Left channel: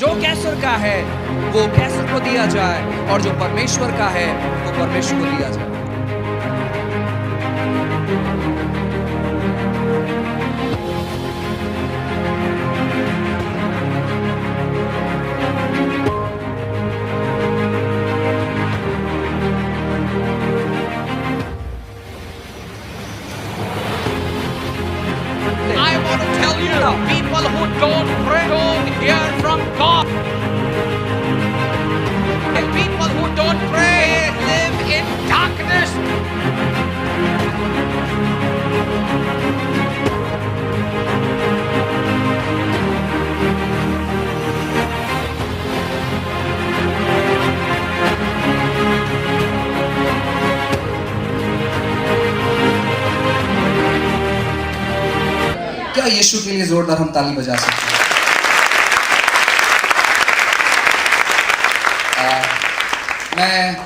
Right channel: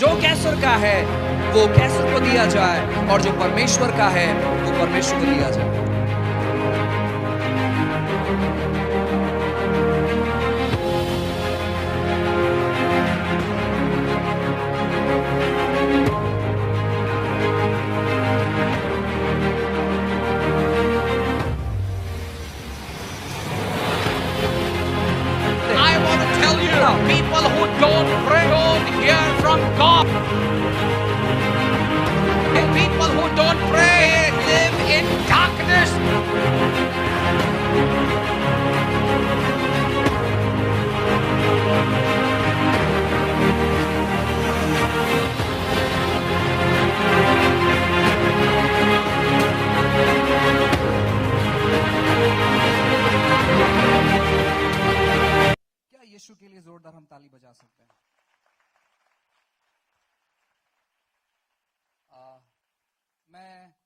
जो कैसर का है वो कैसर को दिया जाए और जो परमेश्वर का है वो परमेश्वर को दिया जाए। I want to tell you, people who don't pray don't hear from God. People who don't pray live in darkness. क्या यीशु के लिए जोरदार हम ताली बजा सकते हैं? मैं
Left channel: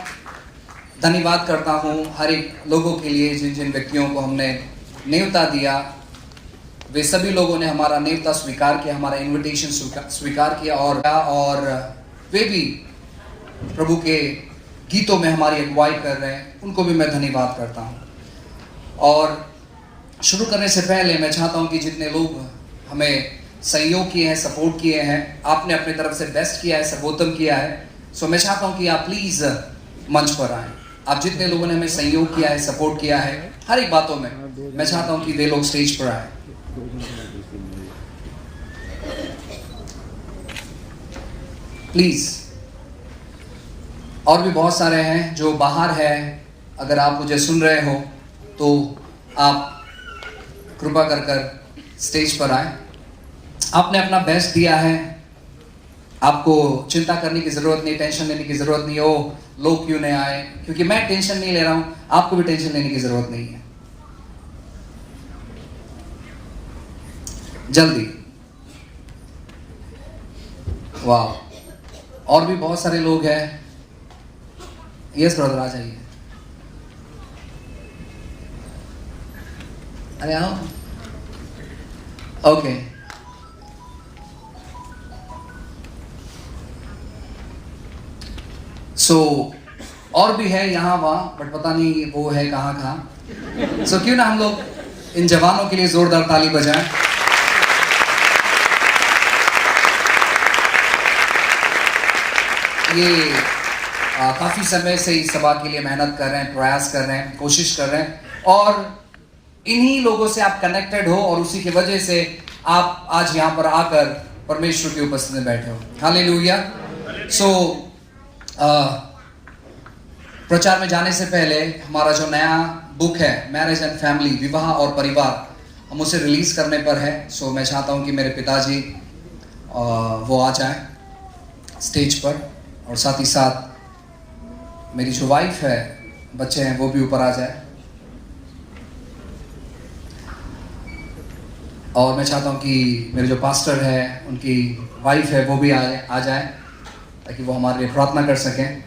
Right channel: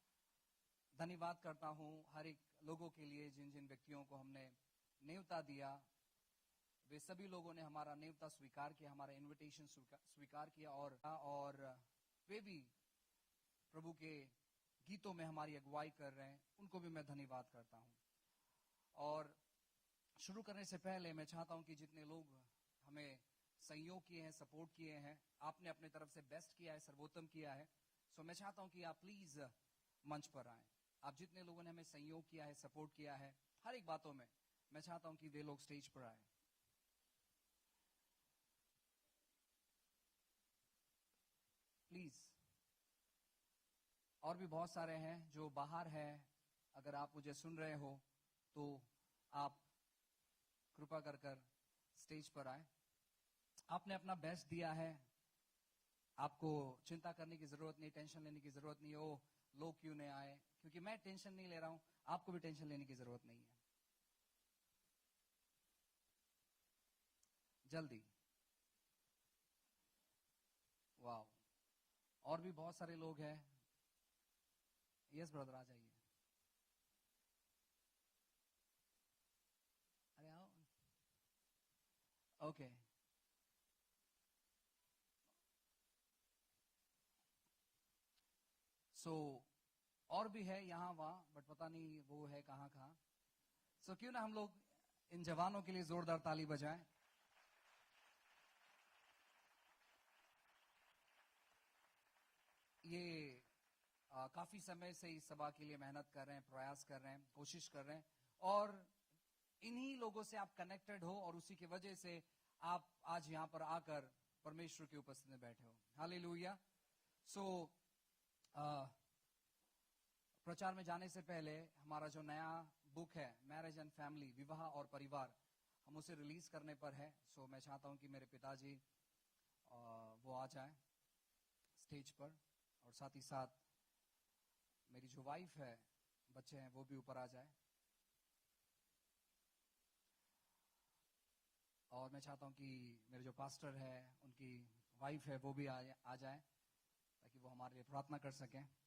धन्यवाद करता हूं हर एक लोगों के लिए जिन जिन व्यक्तियों को हमने न्योता दिया। वे सभी लोगों ने हमारा न्योता स्वीकार किया, हमारा इनविटेशन स्वीकार किया और वे भी प्रभु के गीतों में हमारी अगुवाई कर रहे हैं। उनको भी मैं धन्यवाद करता हूं। और शुरू करने से पहले मैं चाहता हूं कि जितने लोग हमें सहयोग किए हैं, सपोर्ट किए हैं, आपने अपनी तरफ से बेस्ट किया है, सर्वोत्तम किया है, सो मैं चाहता हूं कि आप प्लीज मंच पर आए। आप जितने लोगों ने हमें सहयोग किया है, सपोर्ट किया है हर एक बातों में, मैं चाहता हूं कि वे लोग स्टेज पर आए। प्लीज। और भी बहुत सारे हैं जो बाहर है, अगर आप मुझे सुन रहे हो तो आप कृपा कर कर स्टेज पर आए। आपने अपना बेस्ट दिया है, आपको चिंता करने की जरूरत नहीं, टेंशन लेने की जरूरत नहीं। ओ लोग क्यों नहीं आए, क्योंकि मैं टेंशन नहीं ले रहा हूं, आपको भी टेंशन लेने की जरूरत नहीं है। जल्दी। वाह, और भी बहुत सारे लोग हैं। यस ब्रदर, आ जाइए। अरे आओ। ओके, सो और भी है यहाँ वहाँ, बट पता नहीं वो है कहाँ कहाँ। सो क्यों ना हम लोग इन जवानों के लिए जोरदार ताली बजाएं। ये काफी समय से इस सभा के लिए मेहनत कर रहे हैं, प्रयास कर रहे हैं, कोशिश कर रहे हैं, और इन्हीं लोगों से आप कनेक्टेड हो और उसी की वजह से आप आज यहाँ पर आकर परमेश्वर की उपस्थिति में बैठे हो। हालेलुया। सो प्रचार में जाने से पहले हमारा जो नया बुक है मैरिज एंड फैमिली, विवाह और परिवार, हम उसे रिलीज करने पर है। सो मैं चाहता हूँ कि मेरे पिताजी वो आ जाए स्टेज पर, और साथ ही साथ मेरी जो वाइफ है, बच्चे हैं, वो भी ऊपर आ जाए। और मैं चाहता हूँ कि मेरे जो पास्टर है, उनकी वाइफ है, वो भी आ जाए ताकि वो हमारे लिए प्रार्थना कर सकें।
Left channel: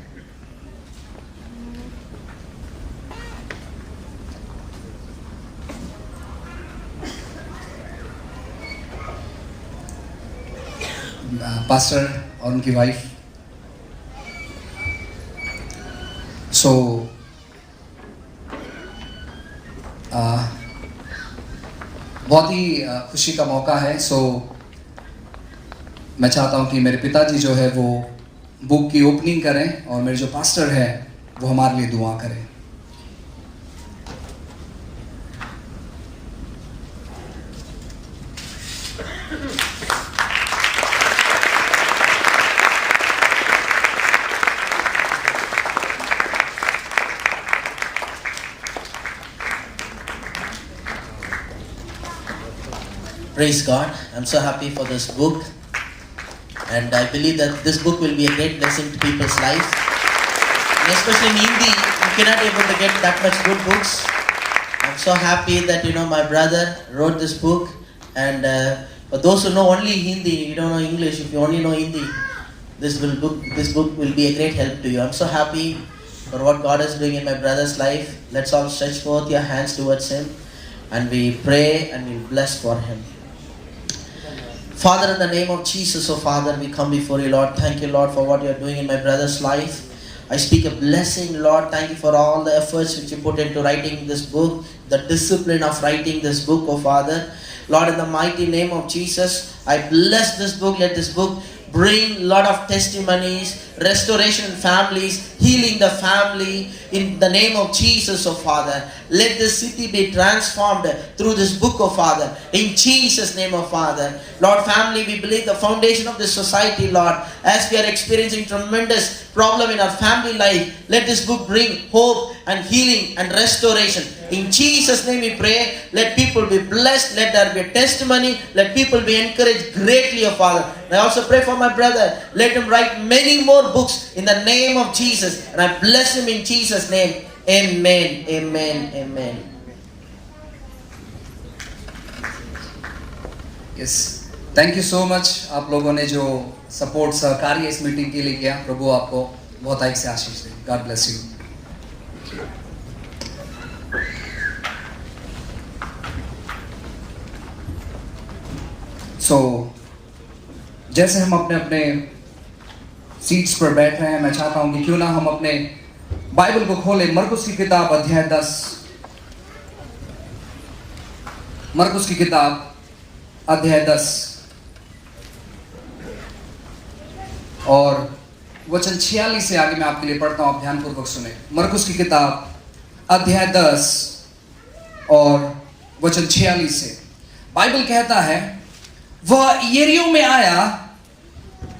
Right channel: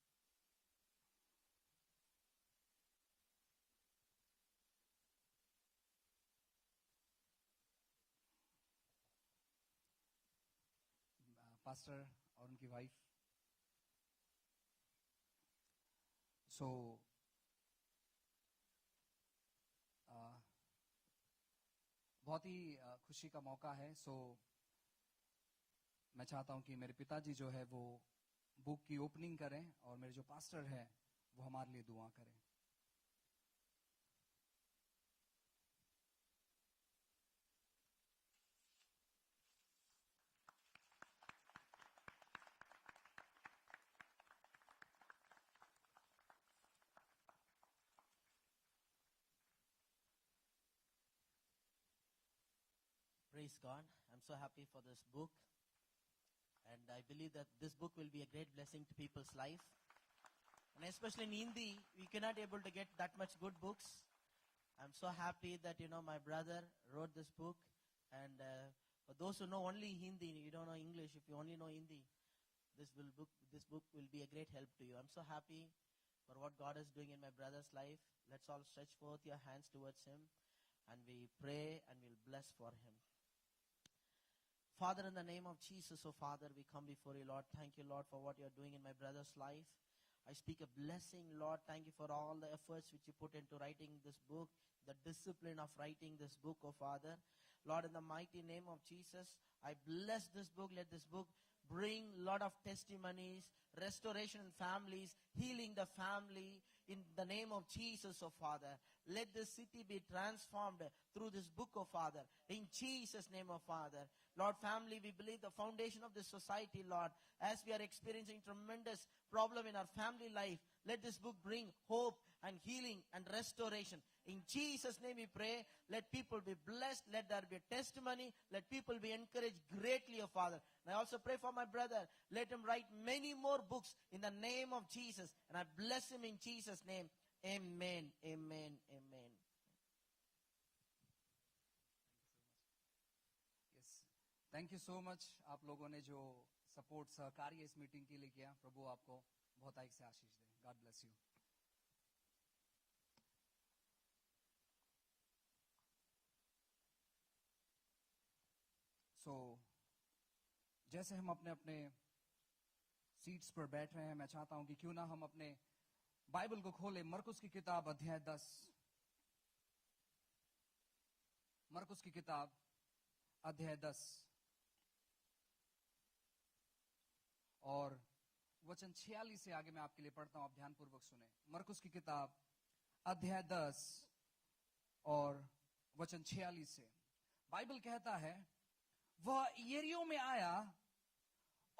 पास्टर और उनकी वाइफ। सो बहुत ही खुशी का मौका है। सो मैं चाहता हूँ कि मेरे पिताजी जो है वो बुक की ओपनिंग करें और मेरे जो पास्टर है वो हमारे लिए दुआ करें। Praise God. I'm so happy for this book. And I believe that this book will be a great blessing to people's lives. And especially in Hindi, you cannot able to get that much good books. I'm so happy that, my brother wrote this book. And for those who know only Hindi, you don't know English, if you only know Hindi, this book will be a great help to you. I'm so happy for what God is doing in my brother's life. Let's all stretch forth your hands towards him. And we pray and we bless for him. Father, in the name of Jesus, oh Father, we come before you, Lord. Thank you, Lord, for what you are doing in my brother's life. I speak a blessing, Lord. Thank you for all the efforts which you put into writing this book, the discipline of writing this book, oh Father. Lord, in the mighty name of Jesus, I bless this book. Let this book bring a lot of testimonies, restoration in families, healing the family, in the name of Jesus, oh Father. Let this city be transformed through this book, oh Father. In Jesus' name, oh Father. Lord, family, we believe the foundation of this society, Lord, as we are experiencing tremendous problem in our family life, let this book bring hope and healing and restoration. In Jesus' name we pray. Let people be blessed. Let there be a testimony. Let people be encouraged greatly, oh Father. I also pray for my brother. Let him write many more books in the name of Jesus. And I bless him in Jesus' name. Amen. Amen. Amen. Yes. Thank you so much आप लोगों ने जो support सहकार्य इस meeting के लिए किया. प्रभु आपको बहुत अधिक से आशीष दे. God bless you. सो जैसे हम अपने अपने सीट्स पर बैठ रहे हैं, मैं चाहता हूं कि क्यों ना हम अपने बाइबल को खोलें. मरकुस की किताब अध्याय 10. मरकुस की किताब अध्याय 10 और वचन 46 से आगे मैं आपके लिए पढ़ता हूं. आप ध्यानपूर्वक सुने. मरकुस की किताब अध्याय 10 और वचन 46 से बाइबल कहता है, वह यरीहो में आया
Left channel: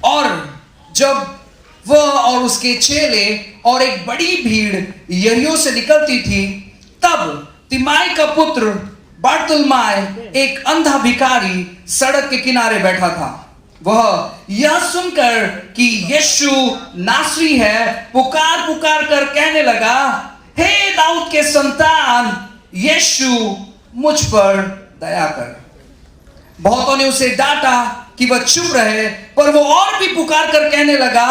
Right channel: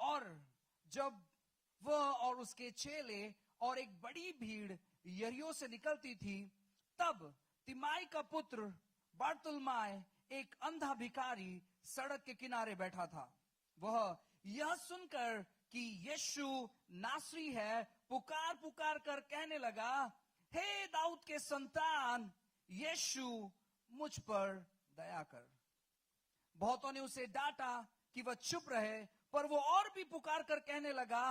और जब वह और उसके चेले और एक बड़ी भीड़ यरीहो से निकलती थी, तब तिमाई का पुत्र बर्तुल्माय एक अंधा भिखारी सड़क के किनारे बैठा था. वह यह सुनकर कि यीशु नासरी है, पुकार पुकार कर कहने लगा, हे दाऊद के संतान, यीशु मुझ पर दया कर. बहुतों ने उसे डांटा कि वह चुप रहे, पर वो और भी पुकार कर कहने लगा,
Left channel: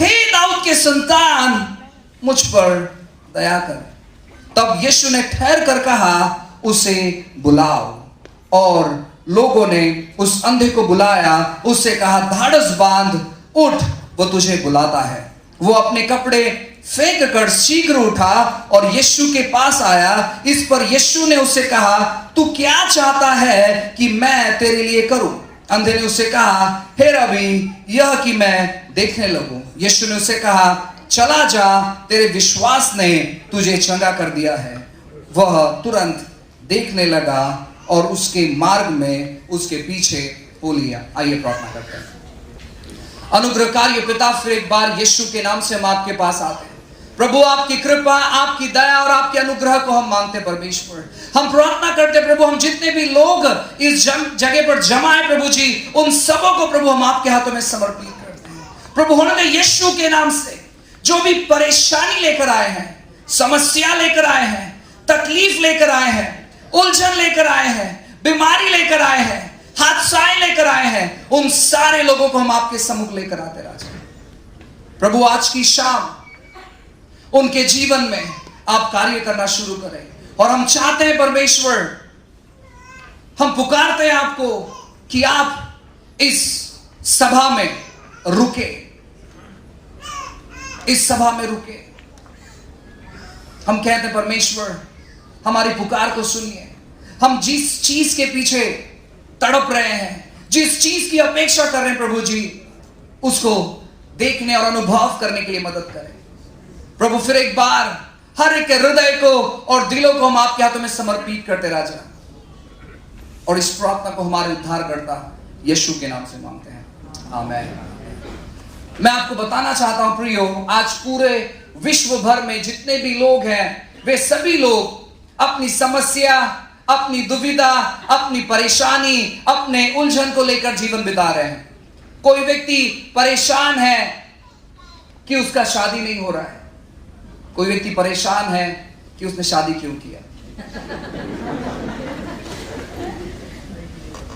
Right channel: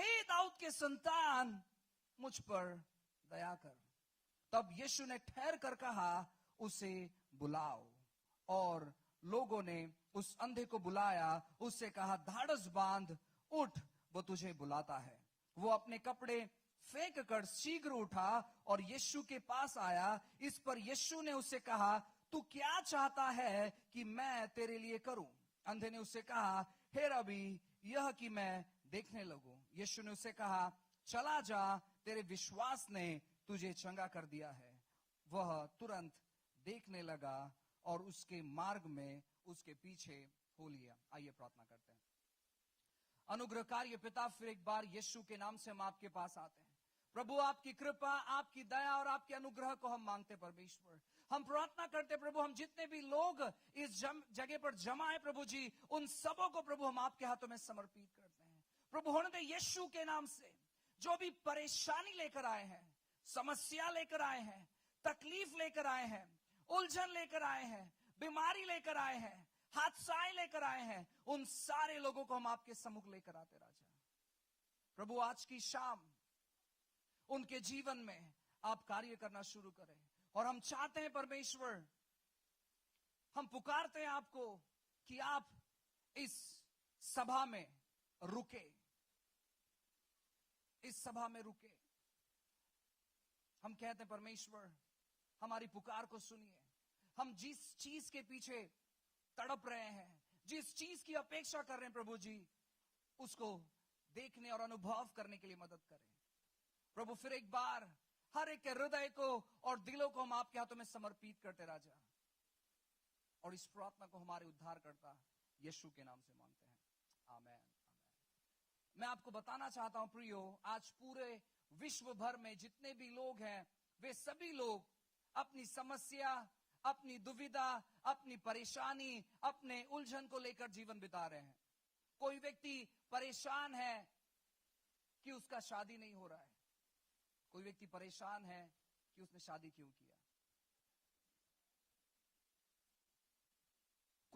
हे दाऊद के संतान, मुझ पर दया कर. तब यीशु ने ठहर कर कहा, उसे बुलाओ. और लोगों ने उस अंधे को बुलाया. उससे कहा, धाड़स बांध, उठ, वो तुझे बुलाता है. वो अपने कपड़े फेंक कर शीघ्र उठा और यीशु के पास आया. इस पर यीशु ने उससे कहा, तू क्या चाहता है कि मैं तेरे लिए करूं? अंधे ने उससे कहा, हे रबी, यह कि मैं देखने लगूं. यीशु ने उससे कहा, चला जा, तेरे विश्वास ने तुझे चंगा कर दिया है. वह तुरंत देखने लगा और उसके मार्ग में उसके पीछे हो लिया. आइए प्रार्थना करते हैं. अनुग्रहकारी पिता, फिर एक बार यीशु के नाम से हम आपके पास आते हैं. प्रभु, आपकी कृपा, आपकी दया और आपके अनुग्रह को हम मांगते हैं परमेश्वर. हम प्रार्थना करते हैं प्रभु, हम जितने भी लोग इस जगह पर जमा है प्रभु जी, उन सबों को प्रभु हम आपके हाथों में समर्पित करते हैं. प्रभु, उन्होंने यीशु के नाम से जो भी परेशानी लेकर आए हैं, समस्या लेकर आए हैं, तकलीफ लेकर आए हैं, उलझन लेकर आए हैं, बीमारी लेकर आए हैं, हादसाएं लेकर आए हैं, उन सारे लोगों को हम आपके सम्मुख लेकर आते राजा. प्रभु, आज की शाम उनके जीवन में आप कार्य करना शुरू करें. और हम चाहते हैं परमेश्वर, हम पुकारते हैं आपको कि आप इस सभा में रुके, इस सभा में रुके. हम कहते हैं परमेश्वर, हमारी पुकार को सुनिए. हम जिस चीज के पीछे तड़प रहे हैं, जिस चीज की अपेक्षा कर रहे हैं प्रभु जी, उसको देखने और अनुभव करने के लिए मदद करें. प्रभु, फिर एक बार हर एक के हृदय को और दिलों को हम आपके हाथों में समर्पित करते राजा. और इस प्रार्थना को हमारे उद्धारकर्ता यीशु के नाम से मांगते हैं. आमीन. मैं आपको बताना चाहता हूं प्रियो, आज पूरे विश्व भर में जितने भी लोग हैं, वे सभी लोग अपनी समस्या, अपनी दुविधा, अपनी परेशानी, अपने उलझन को लेकर जीवन बिता रहे हैं. कोई व्यक्ति परेशान है कि उसका शादी नहीं हो रहा है. कोई व्यक्ति परेशान है कि उसने शादी क्यों किया.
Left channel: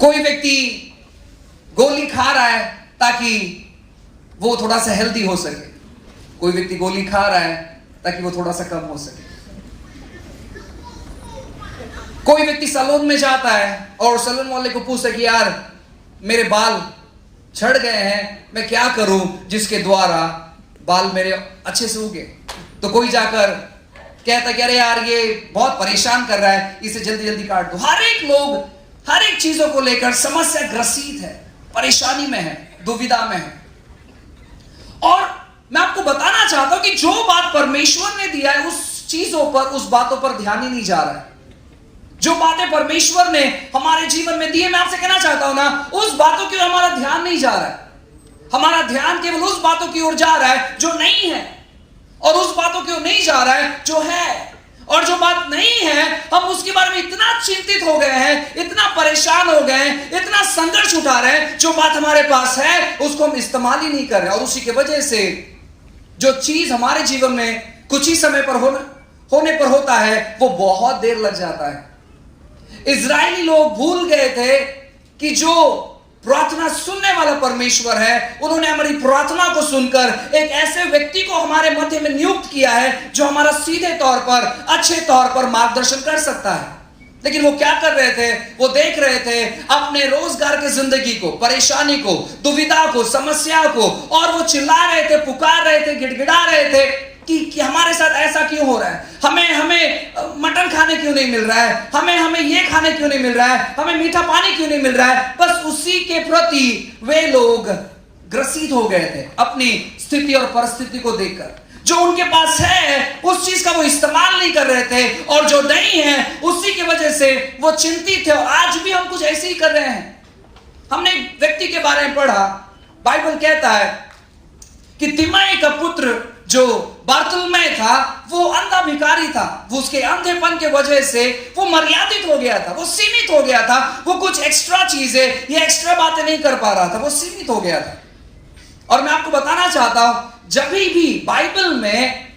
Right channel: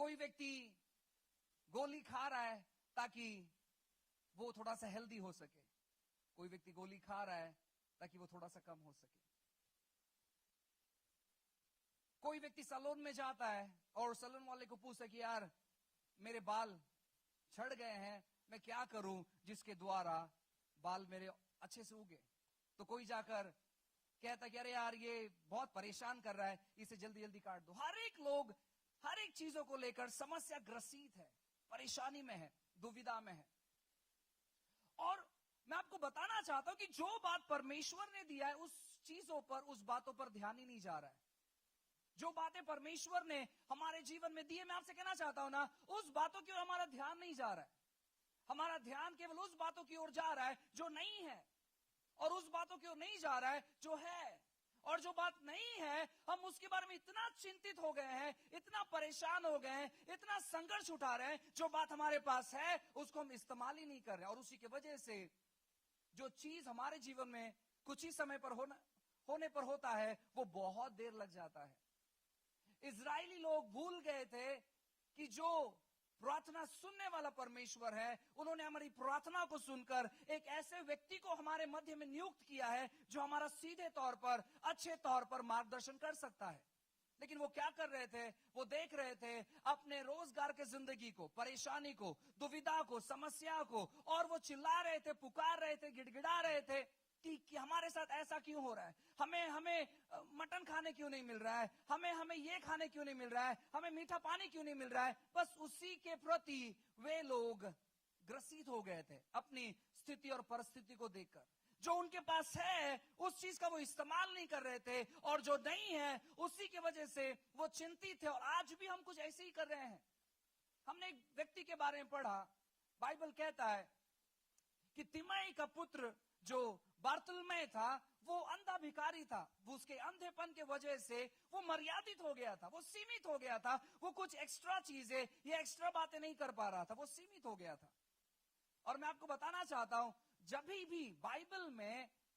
कोई व्यक्ति गोली खा रहा है ताकि वो थोड़ा सा हेल्दी हो सके. कोई व्यक्ति गोली खा रहा है ताकि वो थोड़ा सा कम हो सके. कोई व्यक्ति सैलून में जाता है और सैलून वाले को पूछता है कि यार मेरे बाल झड़ गए हैं, मैं क्या करूं जिसके द्वारा बाल मेरे अच्छे से उगे। तो कोई जाकर कहता कि अरे यार ये बहुत परेशान कर रहा है, इसे जल्दी जल्दी काट दो। हर एक लोग हर एक चीजों को लेकर समस्या ग्रसित है, परेशानी में है, दुविधा में है। और मैं आपको बताना चाहता हूं कि जो बात परमेश्वर ने दिया है उस चीजों पर, उस बातों पर ध्यान ही नहीं जा रहा है। जो बातें परमेश्वर ने हमारे जीवन में दी है, मैं आपसे कहना चाहता हूं ना, उस बातों की ओर हमारा ध्यान नहीं जा रहा है। हमारा ध्यान केवल उस बातों की ओर जा रहा है जो नहीं है, और उस बातों की ओर नहीं जा रहा है जो है। और जो बात नहीं है, हम उसके बारे में इतना चिंतित हो गए हैं, इतना परेशान हो गए हैं, इतना संघर्ष उठा रहे हैं। जो बात हमारे पास है उसको हम इस्तेमाल ही नहीं कर रहे, और उसी की वजह से जो चीज हमारे जीवन में कुछ ही समय पर होने पर होता है, वो बहुत देर लग जाता है। इजरायली लोग भूल गए थे कि जो प्रार्थना सुनने वाला परमेश्वर है, उन्होंने हमारी प्रार्थना को सुनकर एक ऐसे व्यक्ति को हमारे मध्य में नियुक्त किया है जो हमारा सीधे तौर पर, अच्छे तौर पर मार्गदर्शन कर सकता है। लेकिन वो क्या कर रहे थे? वो देख रहे थे अपने रोजगार की जिंदगी को, परेशानी को, दुविधा को, समस्या को, और वो चिल्ला रहे थे, पुकार रहे थे, गिड़गिड़ा रहे थे कि हमारे साथ ऐसा क्यों हो रहा है, हमें मटन खाने क्यों नहीं मिल रहा है, हमें ये खाने क्यों नहीं मिल रहा है, हमें मीठा पानी क्यों नहीं मिल रहा है। बस उसी के प्रति वे लोग ग्रसित हो गए थे, अपनी स्थिति और परिस्थिति को देखकर। जो उनके पास है उस चीज का वो इस्तेमाल नहीं कर रहे थे, और जो नहीं है उसी की वजह से वो चिंतित थे। और आज भी हम कुछ ऐसे ही कर रहे हैं। हमने एक व्यक्ति के बारे में पढ़ा, बाइबल कहता है कि तिमाई का पुत्र जो बारतुलमै था, वो अंधा भिखारी था। वो उसके अंधेपन के वजह से वो मर्यादित हो गया था, वो सीमित हो गया था। वो कुछ एक्स्ट्रा चीजें या एक्स्ट्रा बातें नहीं कर पा रहा था, वो सीमित हो गया था। और मैं आपको बताना चाहता हूं, जब भी बाइबल में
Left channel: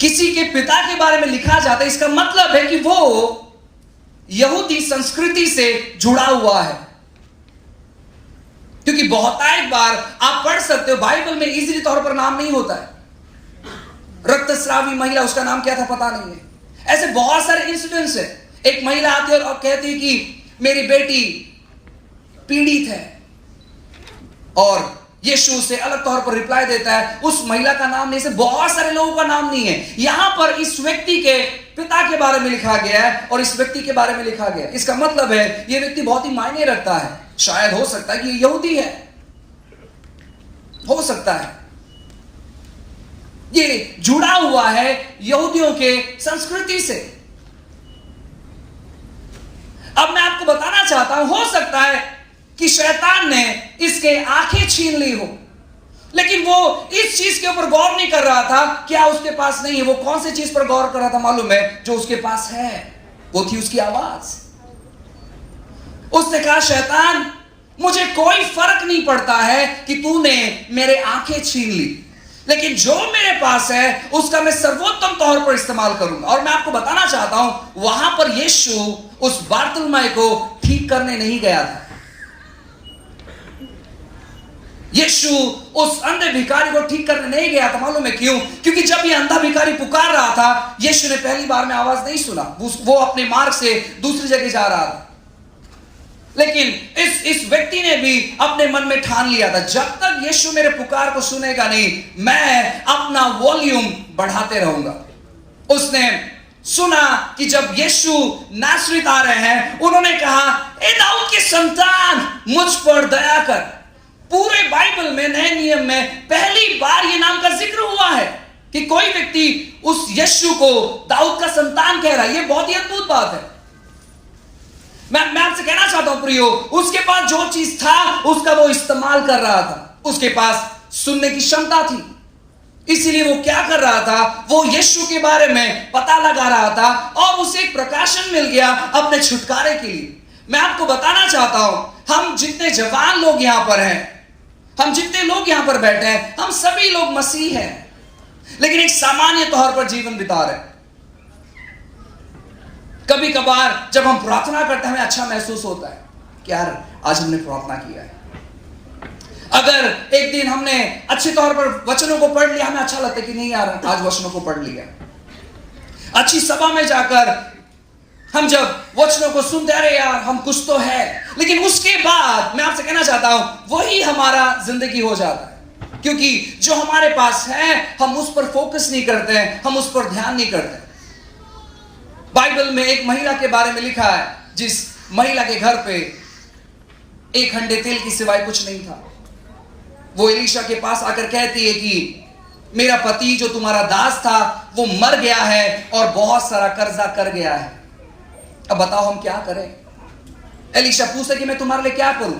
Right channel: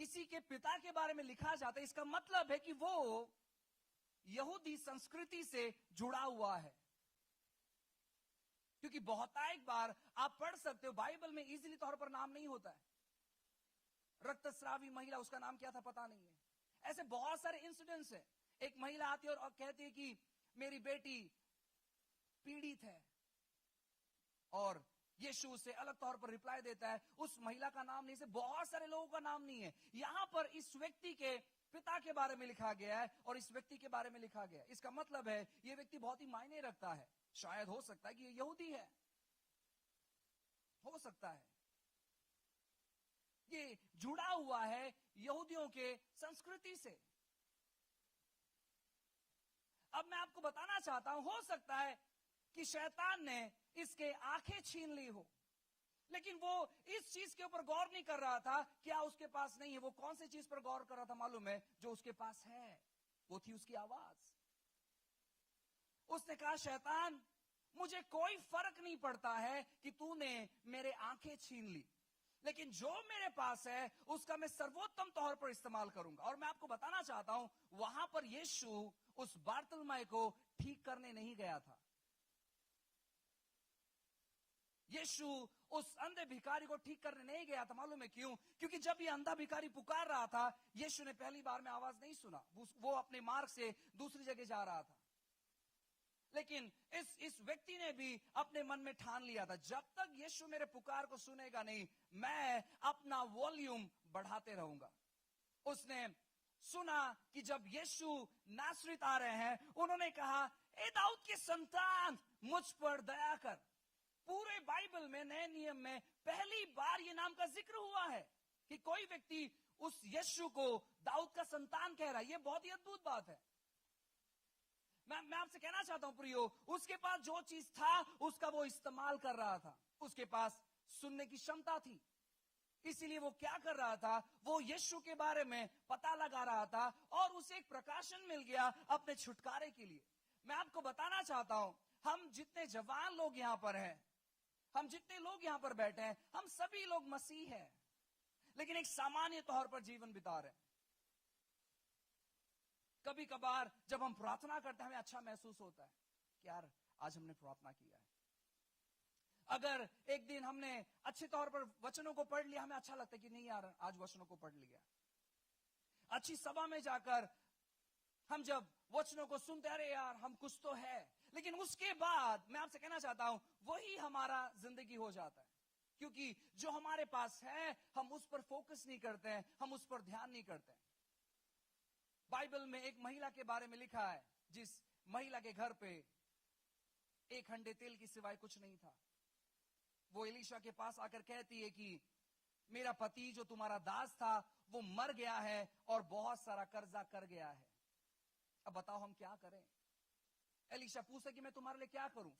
किसी के पिता के बारे में लिखा जाता है, इसका मतलब है कि वो यहूदी संस्कृति से जुड़ा हुआ है। क्योंकि बहुतायत बार आप पढ़ सकते हो, बाइबल में इजीली तौर पर नाम नहीं होता है। रक्तस्रावी महिला, उसका नाम क्या था पता नहीं है। ऐसे बहुत सारे इंसिडेंट्स है। एक महिला आती है और कहती है कि मेरी बेटी पीड़ित है, और यीशु उसे अलग तौर पर रिप्लाई देता है। उस महिला का नाम नहीं, से बहुत सारे लोगों का नाम नहीं है। यहां पर इस व्यक्ति के पिता के बारे में लिखा गया है और इस व्यक्ति के बारे में लिखा गया है। इसका मतलब है यह व्यक्ति बहुत ही मायने रखता है। शायद हो सकता है कि ये यहूदी है, हो सकता है ये जुड़ा हुआ है यहूदियों के संस्कृति से। अब मैं आपको बताना चाहता हूं, हो सकता है कि शैतान ने इसके आंखें छीन ली हो, लेकिन वो इस चीज के ऊपर गौर नहीं कर रहा था। क्या उसके पास नहीं है? वो कौन सी चीज पर गौर कर रहा था मालूम है? जो उसके पास है, वो थी उसकी आवाज। उसने कहा, शैतान, मुझे कोई फर्क नहीं पड़ता है कि तूने मेरे आंखें छीन ली, लेकिन जो मेरे पास है उसका मैं सर्वोत्तम तौर पर इस्तेमाल करूंगा। और मैं आपको बताना चाहता हूं, वहां पर यीशु उस बारतुलमै को ठीक करने नहीं गया था। यीशु उस अंधे भिखारी को ठीक करने नहीं गया था। मालूम है क्यों? क्योंकि जब ये अंधा भिखारी पुकार रहा था, यीशु ने पहली बार में आवाज नहीं सुना। वो अपने मार्ग से दूसरी जगह जा रहा था। लेकिन इस व्यक्ति ने भी अपने मन में ठान लिया था, जब तक यीशु मेरे पुकार को सुनेगा नहीं, मैं अपना वॉल्यूम बढ़ाते रहूंगा। उसने सुना कि जब यीशु नासरीत आ रहे हैं, उन्होंने कहा, ए दाऊद के संतान, मुझ पर दया कर। पूरे बाइबल में, नए नियम में पहली बार ये नाम का जिक्र हुआ है कि कोई व्यक्ति उस यीशु को दाऊद का संतान कह रहा है। ये बहुत ही अद्भुत बात है। मैं आपसे कहना चाहता हूं प्रियो, उसके पास जो चीज था उसका वो इस्तेमाल कर रहा था। उसके पास सुनने की क्षमता थी, इसीलिए वो क्या कर रहा था? वो यीशु के बारे में पता लगा रहा था, और उसे एक प्रकाशन मिल गया अपने छुटकारे के लिए। मैं आपको बताना चाहता हूं, हम जितने जवान लोग यहां पर हैं, हम जितने लोग यहां पर बैठे हैं, हम सभी लोग मसीह हैं, लेकिन एक सामान्य तौर पर जीवन बिता रहे हैं। कभी कभार जब हम प्रार्थना करते हैं, हमें अच्छा महसूस होता है कि यार आज हमने प्रार्थना किया है। अगर एक दिन हमने अच्छे तौर पर वचनों को पढ़ लिया, हमें अच्छा लगता है कि नहीं यार आज वचनों को पढ़ लिया। अच्छी सभा में जाकर हम जब वचनों को सुनते, अरे यार हम कुछ तो है, लेकिन उसके बाद मैं आपसे कहना चाहता हूं वही हमारा जिंदगी हो जाता है, क्योंकि जो हमारे पास है हम उस पर फोकस नहीं करते हैं, हम उस पर ध्यान नहीं करते। बाइबल में एक महिला के बारे में लिखा है जिस महिला के घर पे एक हंडे तेल की सिवाय कुछ नहीं था। वो एलीशा के पास आकर कहती है कि मेरा पति जो तुम्हारा दास था वो मर गया है और बहुत सारा कर्जा कर गया है, अब बताओ हम क्या करें। एलीशा पूछता है कि मैं तुम्हारे लिए क्या करूं।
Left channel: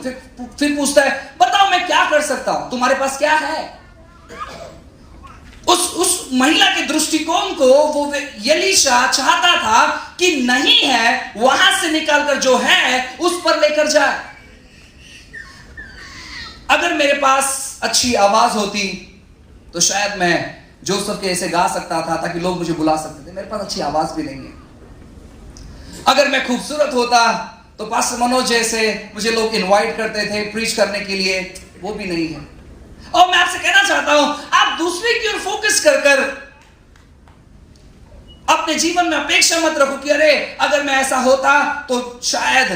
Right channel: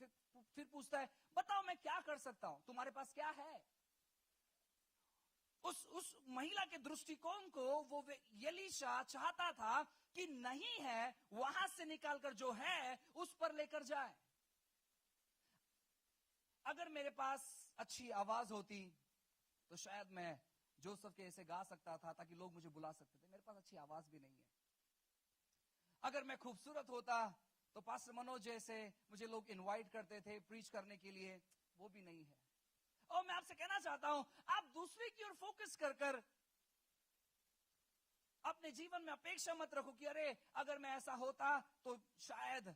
फिर पूछता है बताओ मैं क्या कर सकता हूं, तुम्हारे पास क्या है। उस महिला के दृष्टिकोण को वो एलीशा चाहता था कि नहीं है, वहां से निकालकर जो है उस पर लेकर जाए। अगर मेरे पास अच्छी आवाज होती तो शायद मैं जोसेफ के ऐसे गा सकता था ताकि लोग मुझे बुला सकते थे। मेरे पास अच्छी आवाज भी नहीं है। अगर मैं खूबसूरत होता तो पास्टर मनोज जैसे मुझे लोग इनवाइट करते थे प्रीच करने के लिए, वो भी नहीं है। और मैं आपसे कहना चाहता हूं आप दूसरे की ओर फोकस कर अपने जीवन में अपेक्षा मत रखो कि अरे अगर मैं ऐसा होता तो शायद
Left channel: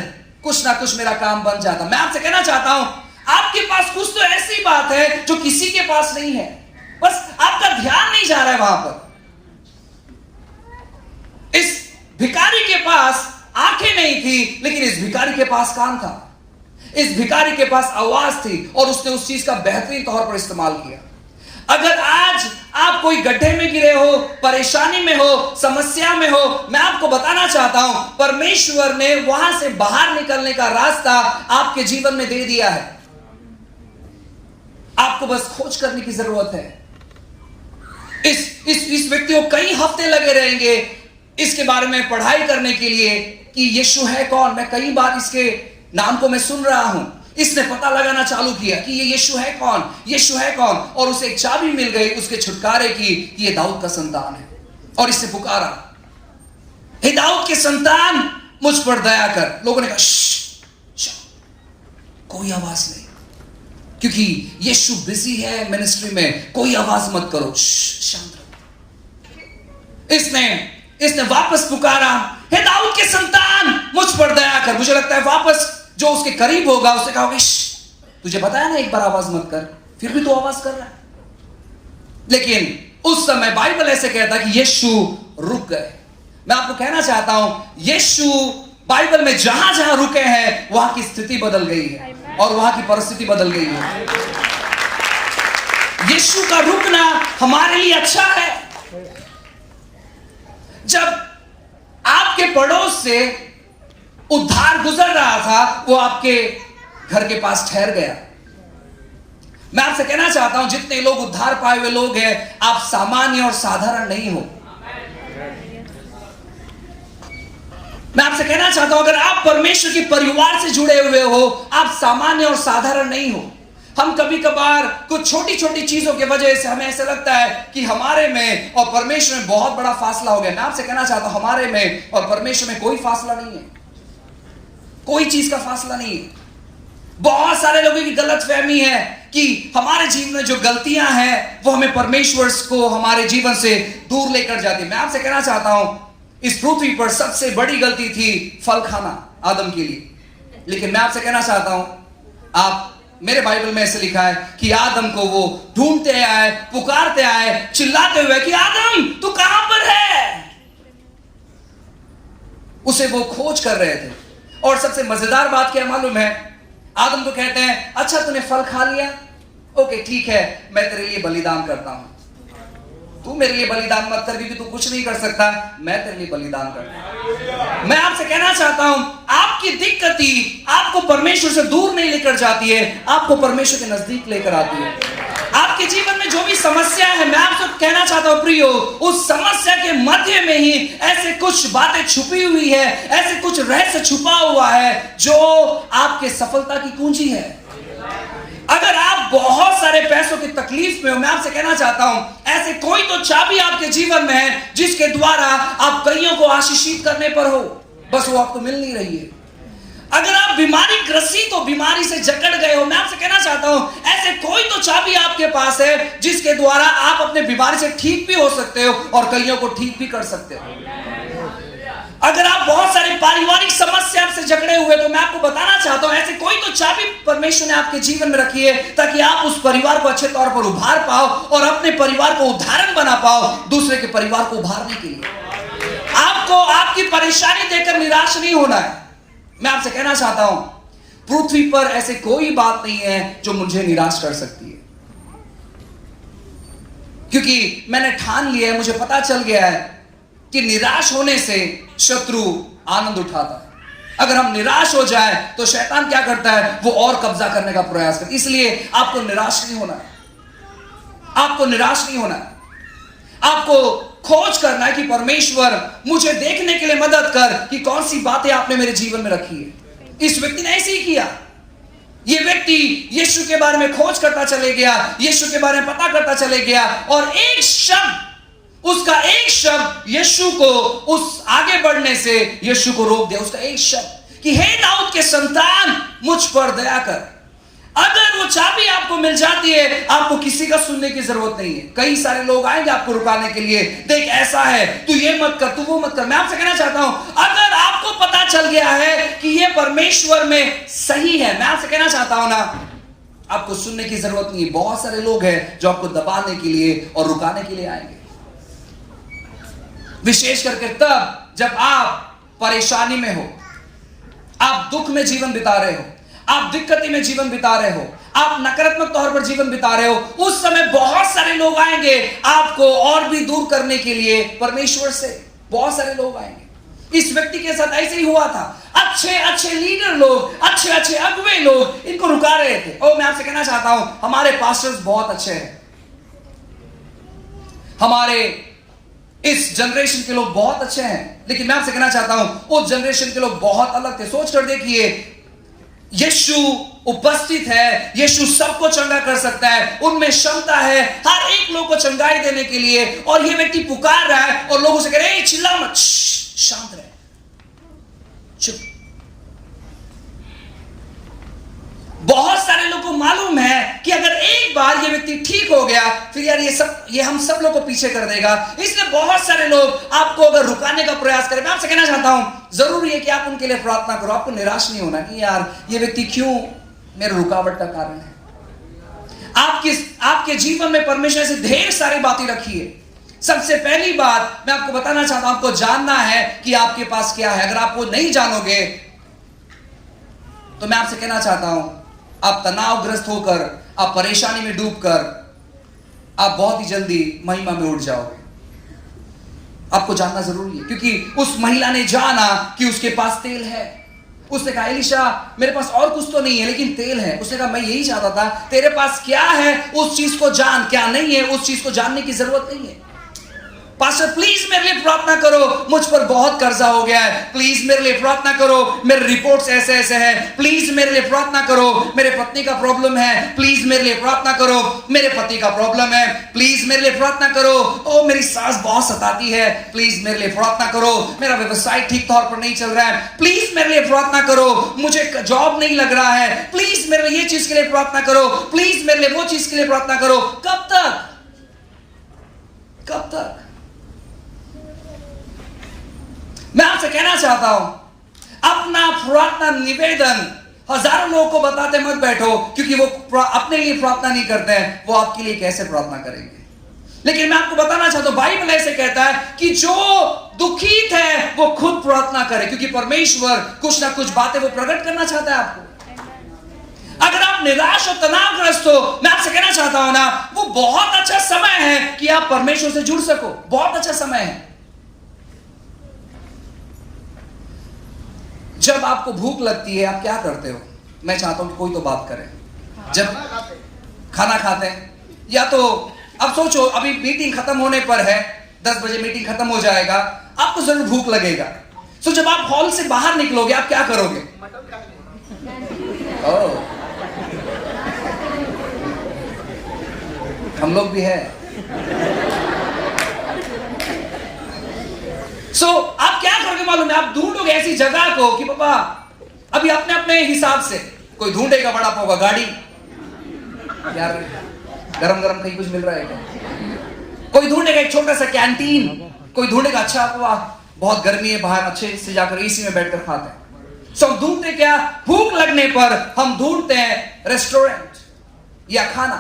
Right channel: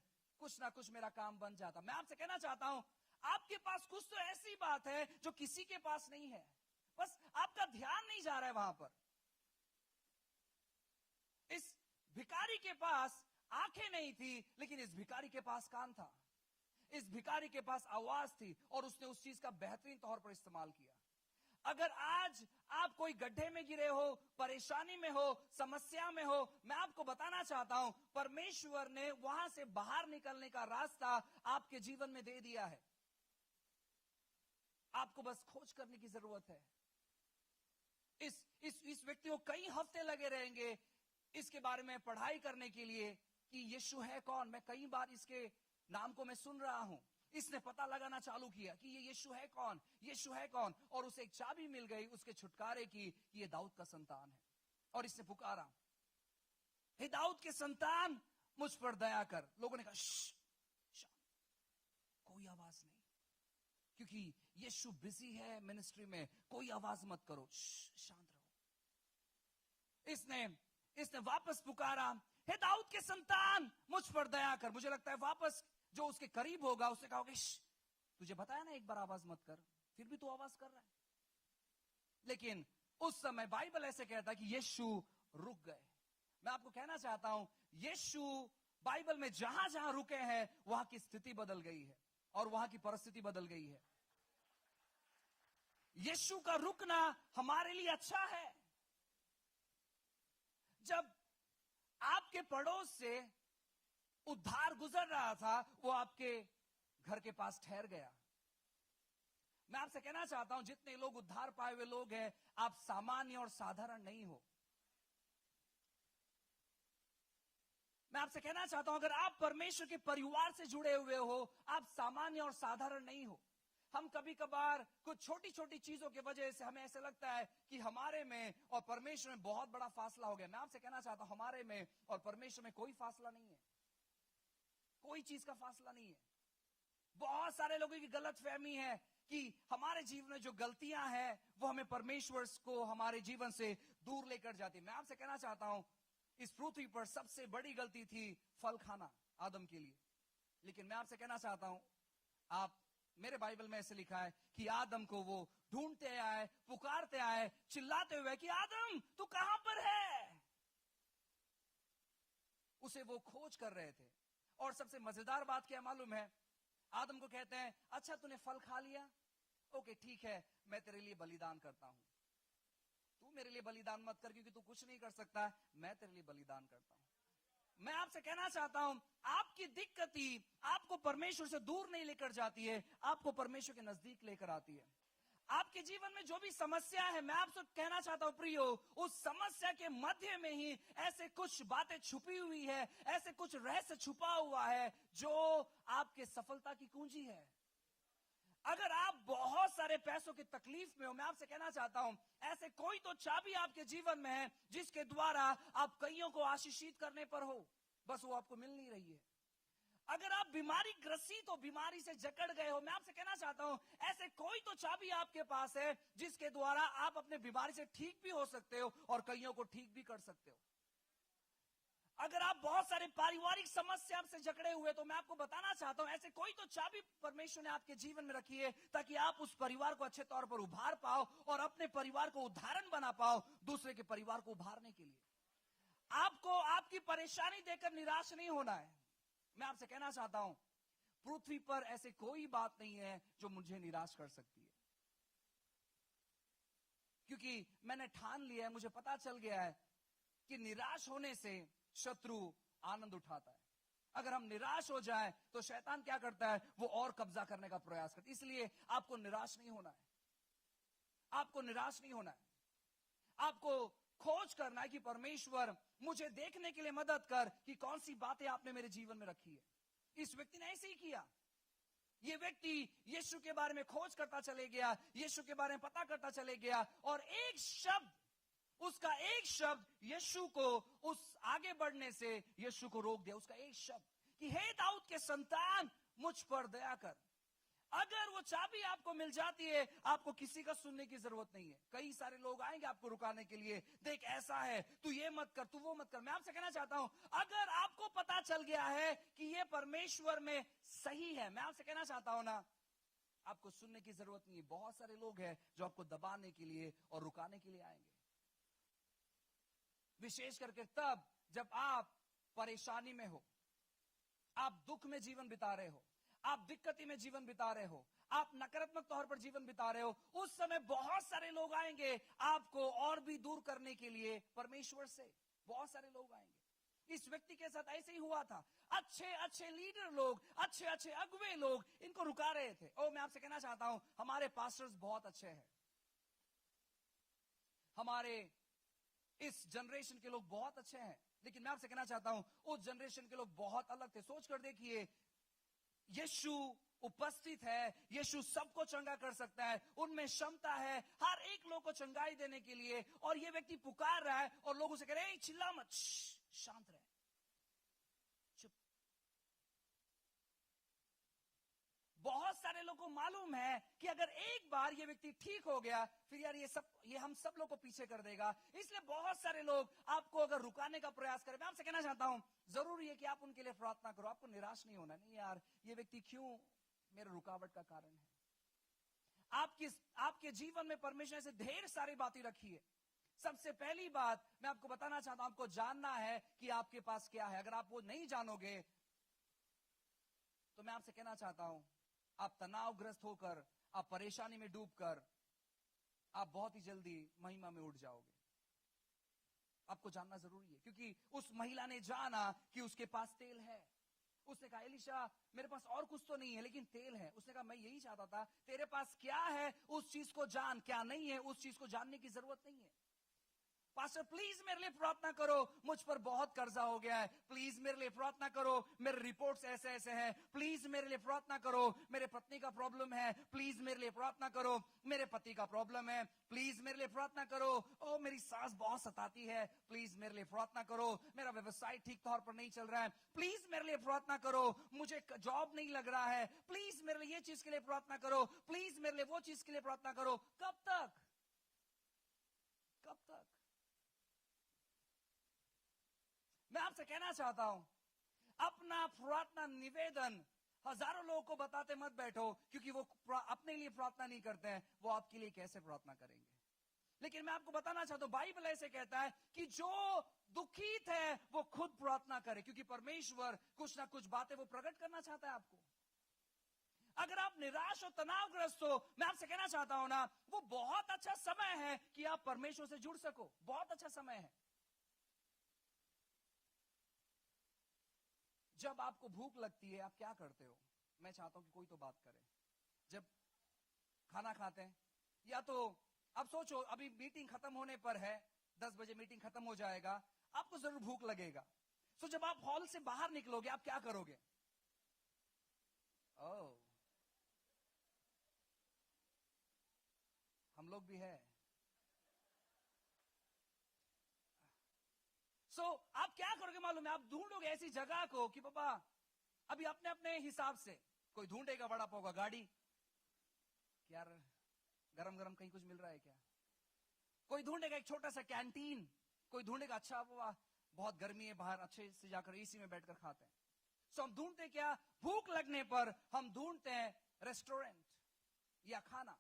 कुछ ना कुछ मेरा काम बन जाता। मैं आपसे कहना चाहता हूं आपके पास कुछ तो ऐसी बात है जो किसी के पास नहीं है, बस आपका ध्यान नहीं जा रहा है वहां पर। इस भिखारी के पास आंखें नहीं थी, लेकिन इस भिखारी के पास कान था, इस भिखारी के पास आवाज थी और उसने उस चीज का बेहतरीन तौर पर इस्तेमाल किया। अगर आज आप कोई गड्ढे में गिरे हो, परेशानी में हो, समस्या में हो, मैं आपको बताना चाहता हूं परमेश्वर ने वहां से बाहर निकलने का रास्ता आपके जीवन में दे दिया है। आपको बस खोज करने की जरूरत है। इस व्यक्ति को कई हफ्ते लगे रहेंगे इसके बारे में पढ़ाई करने के लिए कि यीशु है कौन। मैं कई बार इसके नाम को मैं सुन रहा हूं। इसने पता लगाना चालू किया कि ये यीशु है कौन, यीशु है कौन, और उसे एक चाबी मिल गई उसके छुटकारे की कि ये दाऊद का संतान है। और इसने पुकारा, हे दाऊद के संतान मुझ पर दया कर। लोगों ने कहा कोई आवाज नहीं, क्योंकि यीशु बिजी है मिनिस्ट्री में, कोई आवाज मत करो, शांत रहो। इसने वापस पुकारा, हे दाऊद के संतान मुझ पर दया कर। मुझे लगता है वापस जो उसके करीब होगा उससे कहोगे तुझे बताया ना एक बार आवाज मत कर, फिर भी तू आवाज कर रहा है। लेकिन उस समय बाइबल ऐसे कहता है कि यीशु रुक गए। मैं आपको कहना चाहता हूं यीशु बाइबल में जहां जहां रुके हैं वहां की स्थिति बदल गई है और वहां की परिस्थिति बदल गई है। यीशु का रुकना हमारे लिए अच्छा है। जब आपके पड़ोस से उद्धार गुजर रहा था वो आपके घर के पास ठहर गया। मैं आपसे कहना चाहता हूं जितने लोग उद्धार पाए हुए लोग हैं आप सामान्य और साधारण नहीं हो। मैं आपसे कहना चाहता हूं अगर आप परमेश्वर के परिवार से जुड़े हुए हो आप सामान्य और साधारण नहीं हो। हम कभी कभार कुछ छोटी छोटी चीजों की वजह से हमें ऐसा लगता है कि हमारे में और परमेश्वर में बहुत बड़ा फासला हो गया। मैं आपसे कहना चाहता हूं हमारे में और परमेश्वर में कोई फासला नहीं है, कोई चीज का फासला नहीं है। बहुत सारे लोगों की गलतफहमी है कि हमारे जीवन में जो गलतियां हैं वो हमें परमेश्वर को हमारे जीवन से दूर लेकर जाती है। मैं आपसे कहना चाहता हूं इस पृथ्वी पर सबसे बड़ी गलती थी फल खाना आदम के लिए। लेकिन मैं आपसे कहना चाहता हूं आप मेरे बाइबल में ऐसे लिखा है कि आदम को वो ढूंढते आए, पुकारते आए, चिल्लाते हुए कि आदम तू कहां पर है। उसे वो खोज कर रहे थे। और सबसे मजेदार बात क्या मालूम है, आदम को कहते हैं अच्छा तूने फल खा लिया, ओके ठीक है मैं तेरे लिए बलिदान करता हूं। तू मेरे लिए बलिदान मत कर क्योंकि तू कुछ नहीं कर सकता, मैं तेरे लिए बलिदान करता हूं। मैं आपसे कहना चाहता हूं आपकी दिक्कती आपको परमेश्वर से दूर नहीं लेकर जाती है, आपको परमेश्वर के नजदीक लेकर आती है। आपके जीवन में जो भी समस्या है मैं आपसे कहना चाहता हूं प्रियो उस समस्या के मध्य में ही ऐसे कुछ बातें छुपी हुई है, ऐसे कुछ रहस्य छुपा हुआ है जो आपके सफलता की कुंजी है। अगर आप बहुत सारे पैसों की तकलीफ में हो मैं आपसे कहना चाहता हूं ऐसे कोई तो चाबी आपके जीवन में है जिसके द्वारा आप कईयों को आशीषित करने पर हो, बस वो आपको मिल नहीं रही है। अगर आप बीमारी ग्रसित हो, बीमारी से जकड़ गए हो, मैं आपसे कहना चाहता हूं ऐसे कोई तो चाबी आपके पास है जिसके द्वारा आप अपने बीमारी से ठीक भी हो सकते हो और कईयों को ठीक भी कर सकते हो। अगर आप बहुत सारे पारिवारिक समस्या से जकड़े हुए, तो मैं आपको बताना चाहता हूं, ऐसे कोई तो चाबी परमेश्वर ने आपके जीवन में रखी है ताकि आप उस परिवार को अच्छे तौर पर उभार पाओ और अपने परिवार को उदाहरण बना पाओ दूसरे के परिवार को उभारने के लिए। आपको आपकी परेशानी देखकर निराश नहीं होना है। मैं आपसे कहना चाहता हूं, पृथ्वी पर ऐसे कोई बात नहीं है जो मुझे निराश कर सकती है, क्योंकि मैंने ठान लिया है, मुझे पता चल गया है कि निराश होने से शत्रु आनंद उठाता है। अगर हम निराश हो जाए तो शैतान क्या करता है, वो और कब्जा करने का प्रयास करता है। इसलिए आपको निराश नहीं होना है, आपको निराश नहीं होना है। आपको खोज करना है कि परमेश्वर मुझे देखने के लिए मदद कर कि कौन सी बातें आपने मेरे जीवन में रखी है। इस व्यक्ति ने ऐसे ही किया। यह व्यक्ति यीशु के बारे में खोज करता चले गया, यीशु के बारे में पता करता चले गया, और एक शब्द, उसका एक शब्द यीशु को उस आगे बढ़ने से यीशु को रोक दिया। उसका एक शब्द कि हे दाऊद के संतान, मुझ पर दया कर। अगर वो चाबी आपको मिल जाती है, आपको किसी का सुनने की जरूरत नहीं है। कई सारे लोग आएंगे आपको रुकाने के लिए, देख ऐसा है, तू ये मत कर, तू वो मत कर। मैं आपसे कहना चाहता हूं, अगर आपको पता चल गया है कि ये परमेश्वर में सही है, मैं आपसे कहना चाहता हूं ना, आपको सुनने की जरूरत नहीं है। बहुत सारे लोग हैं जो आपको दबाने के लिए और रुकाने के लिए आएंगे, विशेष करके तब जब आप परेशानी में हो, आप दुख में जीवन बिता रहे हो, आप दिक्कती में जीवन बिता रहे हो, आप नकारात्मक तौर पर जीवन बिता रहे हो, उस समय बहुत सारे लोग आएंगे आपको और भी दूर करने के लिए परमेश्वर से। बहुत सारे लोग आएंगे। इस व्यक्ति के साथ ऐसे ही हुआ था। अच्छे अच्छे लीडर लोग, अच्छे अच्छे अगुवे लोग इनको रुका रहे थे। और मैं आपसे कहना चाहता हूं, हमारे पास्टर्स बहुत अच्छे हैं, हमारे इस जनरेशन के लोग बहुत अच्छे हैं, लेकिन मैं आपसे कहना चाहता हूं उस जनरेशन के लोग बहुत अलग थे। सोच कर देखिए, यीशु उपस्थित है, यीशु सबको चंगा कर सकता है, उनमें क्षमता है हर एक लोग को चंगाई देने के लिए, और ये व्यक्ति पुकार रहा है और लोगों से कह रहे हैं चिल्ला मत, शांत रहे, चुप। बहुत सारे लोगों को मालूम है कि अगर एक बार ये व्यक्ति ठीक हो गया, फिर यार ये हम सब लोग को पीछे कर देगा। इसलिए बहुत सारे लोग आपको अगर रुकाने का प्रयास करें, मैं आपसे कहना चाहता हूं, जरूरी है कि आप उनके लिए प्रार्थना करो। आपको निराश नहीं होना कि यार ये व्यक्ति क्यों मेरे रुकावट का कारण है। आपके जीवन में परमेश्वर से ढेर सारी बातें रखी है। सबसे पहली बात मैं आपको बताना चाहता हूं, आपको जानना है कि आपके पास क्या है। अगर आप वो नहीं जानोगे तो मैं आपसे कहना चाहता हूं, आप तनावग्रस्त होकर, आप परेशानी में डूबकर, आप बहुत ही जल्दी महिमा में उठ जाओगे। आपको जानना जरूरी है, क्योंकि उस महिला ने जाना कि उसके पास तेल है। उसने कहा, एलिशा मेरे पास और कुछ तो नहीं है लेकिन तेल है। उसने कहा, मैं यही चाहता था, तेरे पास क्या है उस चीज को जान, क्या नहीं है उस चीज को जानने की जरूरत नहीं है। पास्टर प्लीज मेरे लिए प्रार्थना करो, मुझ पर बहुत कर्जा हो गया है, प्लीज मेरे लिए प्रार्थना करो, मेरे रिपोर्ट्स ऐसे ऐसे हैं, प्लीज मेरे लिए प्रार्थना करो, मेरे पत्नी का प्रॉब्लम है, प्लीज मेरे लिए प्रार्थना करो, मेरे पति का प्रॉब्लम है, प्लीज मेरे लिए प्रार्थना करो, ओ मेरी सास बहुत सताती है, प्लीज मेरे लिए प्रार्थना करो, मेरा व्यवसाय ठीक तौर पर नहीं चल रहा है, प्लीज मेरे लिए प्रार्थना करो, मुझे जॉब नहीं लग रहा है, प्लीज मेरे लिए ये चीज के लिए प्रार्थना करो, प्लीज मेरे लिए वो चीज के लिए प्रार्थना करो। कब तक, कब तक? मैं आपसे कहना चाहता हूं, अपना प्रार्थना निवेदन हजारों लोगों को बताते मत बैठो, क्योंकि वो अपने लिए प्रार्थना नहीं करते हैं, वो आपके लिए कैसे प्रार्थना करेंगे। लेकिन मैं आपको बताना चाहता हूं, बाइबल ऐसे कहता है कि जो दुखित है वो खुद प्रार्थना करे, क्योंकि परमेश्वर कुछ ना कुछ बातें वो प्रकट करना चाहता है आपको। अगर आप निराश और तनावग्रस्त हो, मैं आपसे कहना चाहता हूं ना, वो बहुत अच्छा समय है कि आप परमेश्वर से जुड़ सको। बहुत अच्छा समय है। जब आपको भूख लगती है आप क्या करते हो? मैं चाहता हूं कि कोई तो बात करे। जब खाना खाते हैं, या तो अब सोचो अभी मीटिंग खत्म होने पर है, 10 बजे मीटिंग खत्म हो जाएगा, आपको जरूर भूख लगेगा। सो जब आप हॉल से बाहर निकलोगे आप क्या करोगे? हम लोग भी है। आप क्या करोगे मालूम है? आप ढूंढोगे ऐसी जगह को कि पापा अभी अपने अपने हिसाब से, कोई ढूंढेगा बड़ा पाव का गाड़ी, यार गरम गरम कहीं कुछ मिल रहा है क्या? कोई ढूंढेगा एक छोटा सा कैंटीन, कोई ढूंढेगा अच्छा वाह बहुत गर्मी है बाहर, अच्छे से जाकर एसी में बैठकर खाते हैं। सो हम ढूंढते क्या? भूख लगने पर हम ढूंढते हैं रेस्टोरेंट या खाना।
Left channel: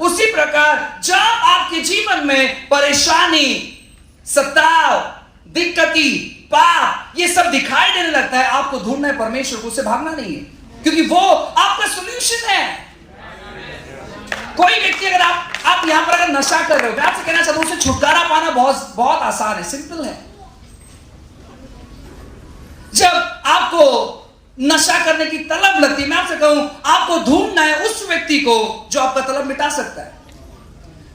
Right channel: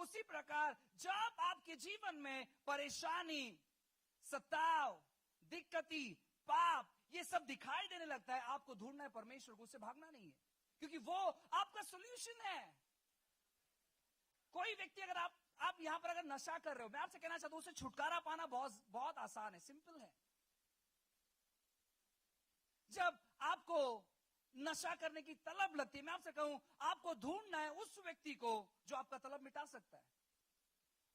उसी प्रकार जब आपके जीवन में परेशानी, सताव, दिक्कती, पाप ये सब दिखाई देने लगता है, आपको ढूंढना है परमेश्वर को, उससे भागना नहीं है, क्योंकि वो आपका सॉल्यूशन है। कोई व्यक्ति अगर आप यहां पर अगर नशा कर रहे हो, मैं आपसे कहना चाहता हूं, उससे छुटकारा पाना बहुत बहुत आसान है, सिंपल है। जब आपको नशा करने की तलब लगती है, मैं आपसे कहूं, आपको ढूंढना है उस व्यक्ति को जो आपका तलब मिटा सकता है।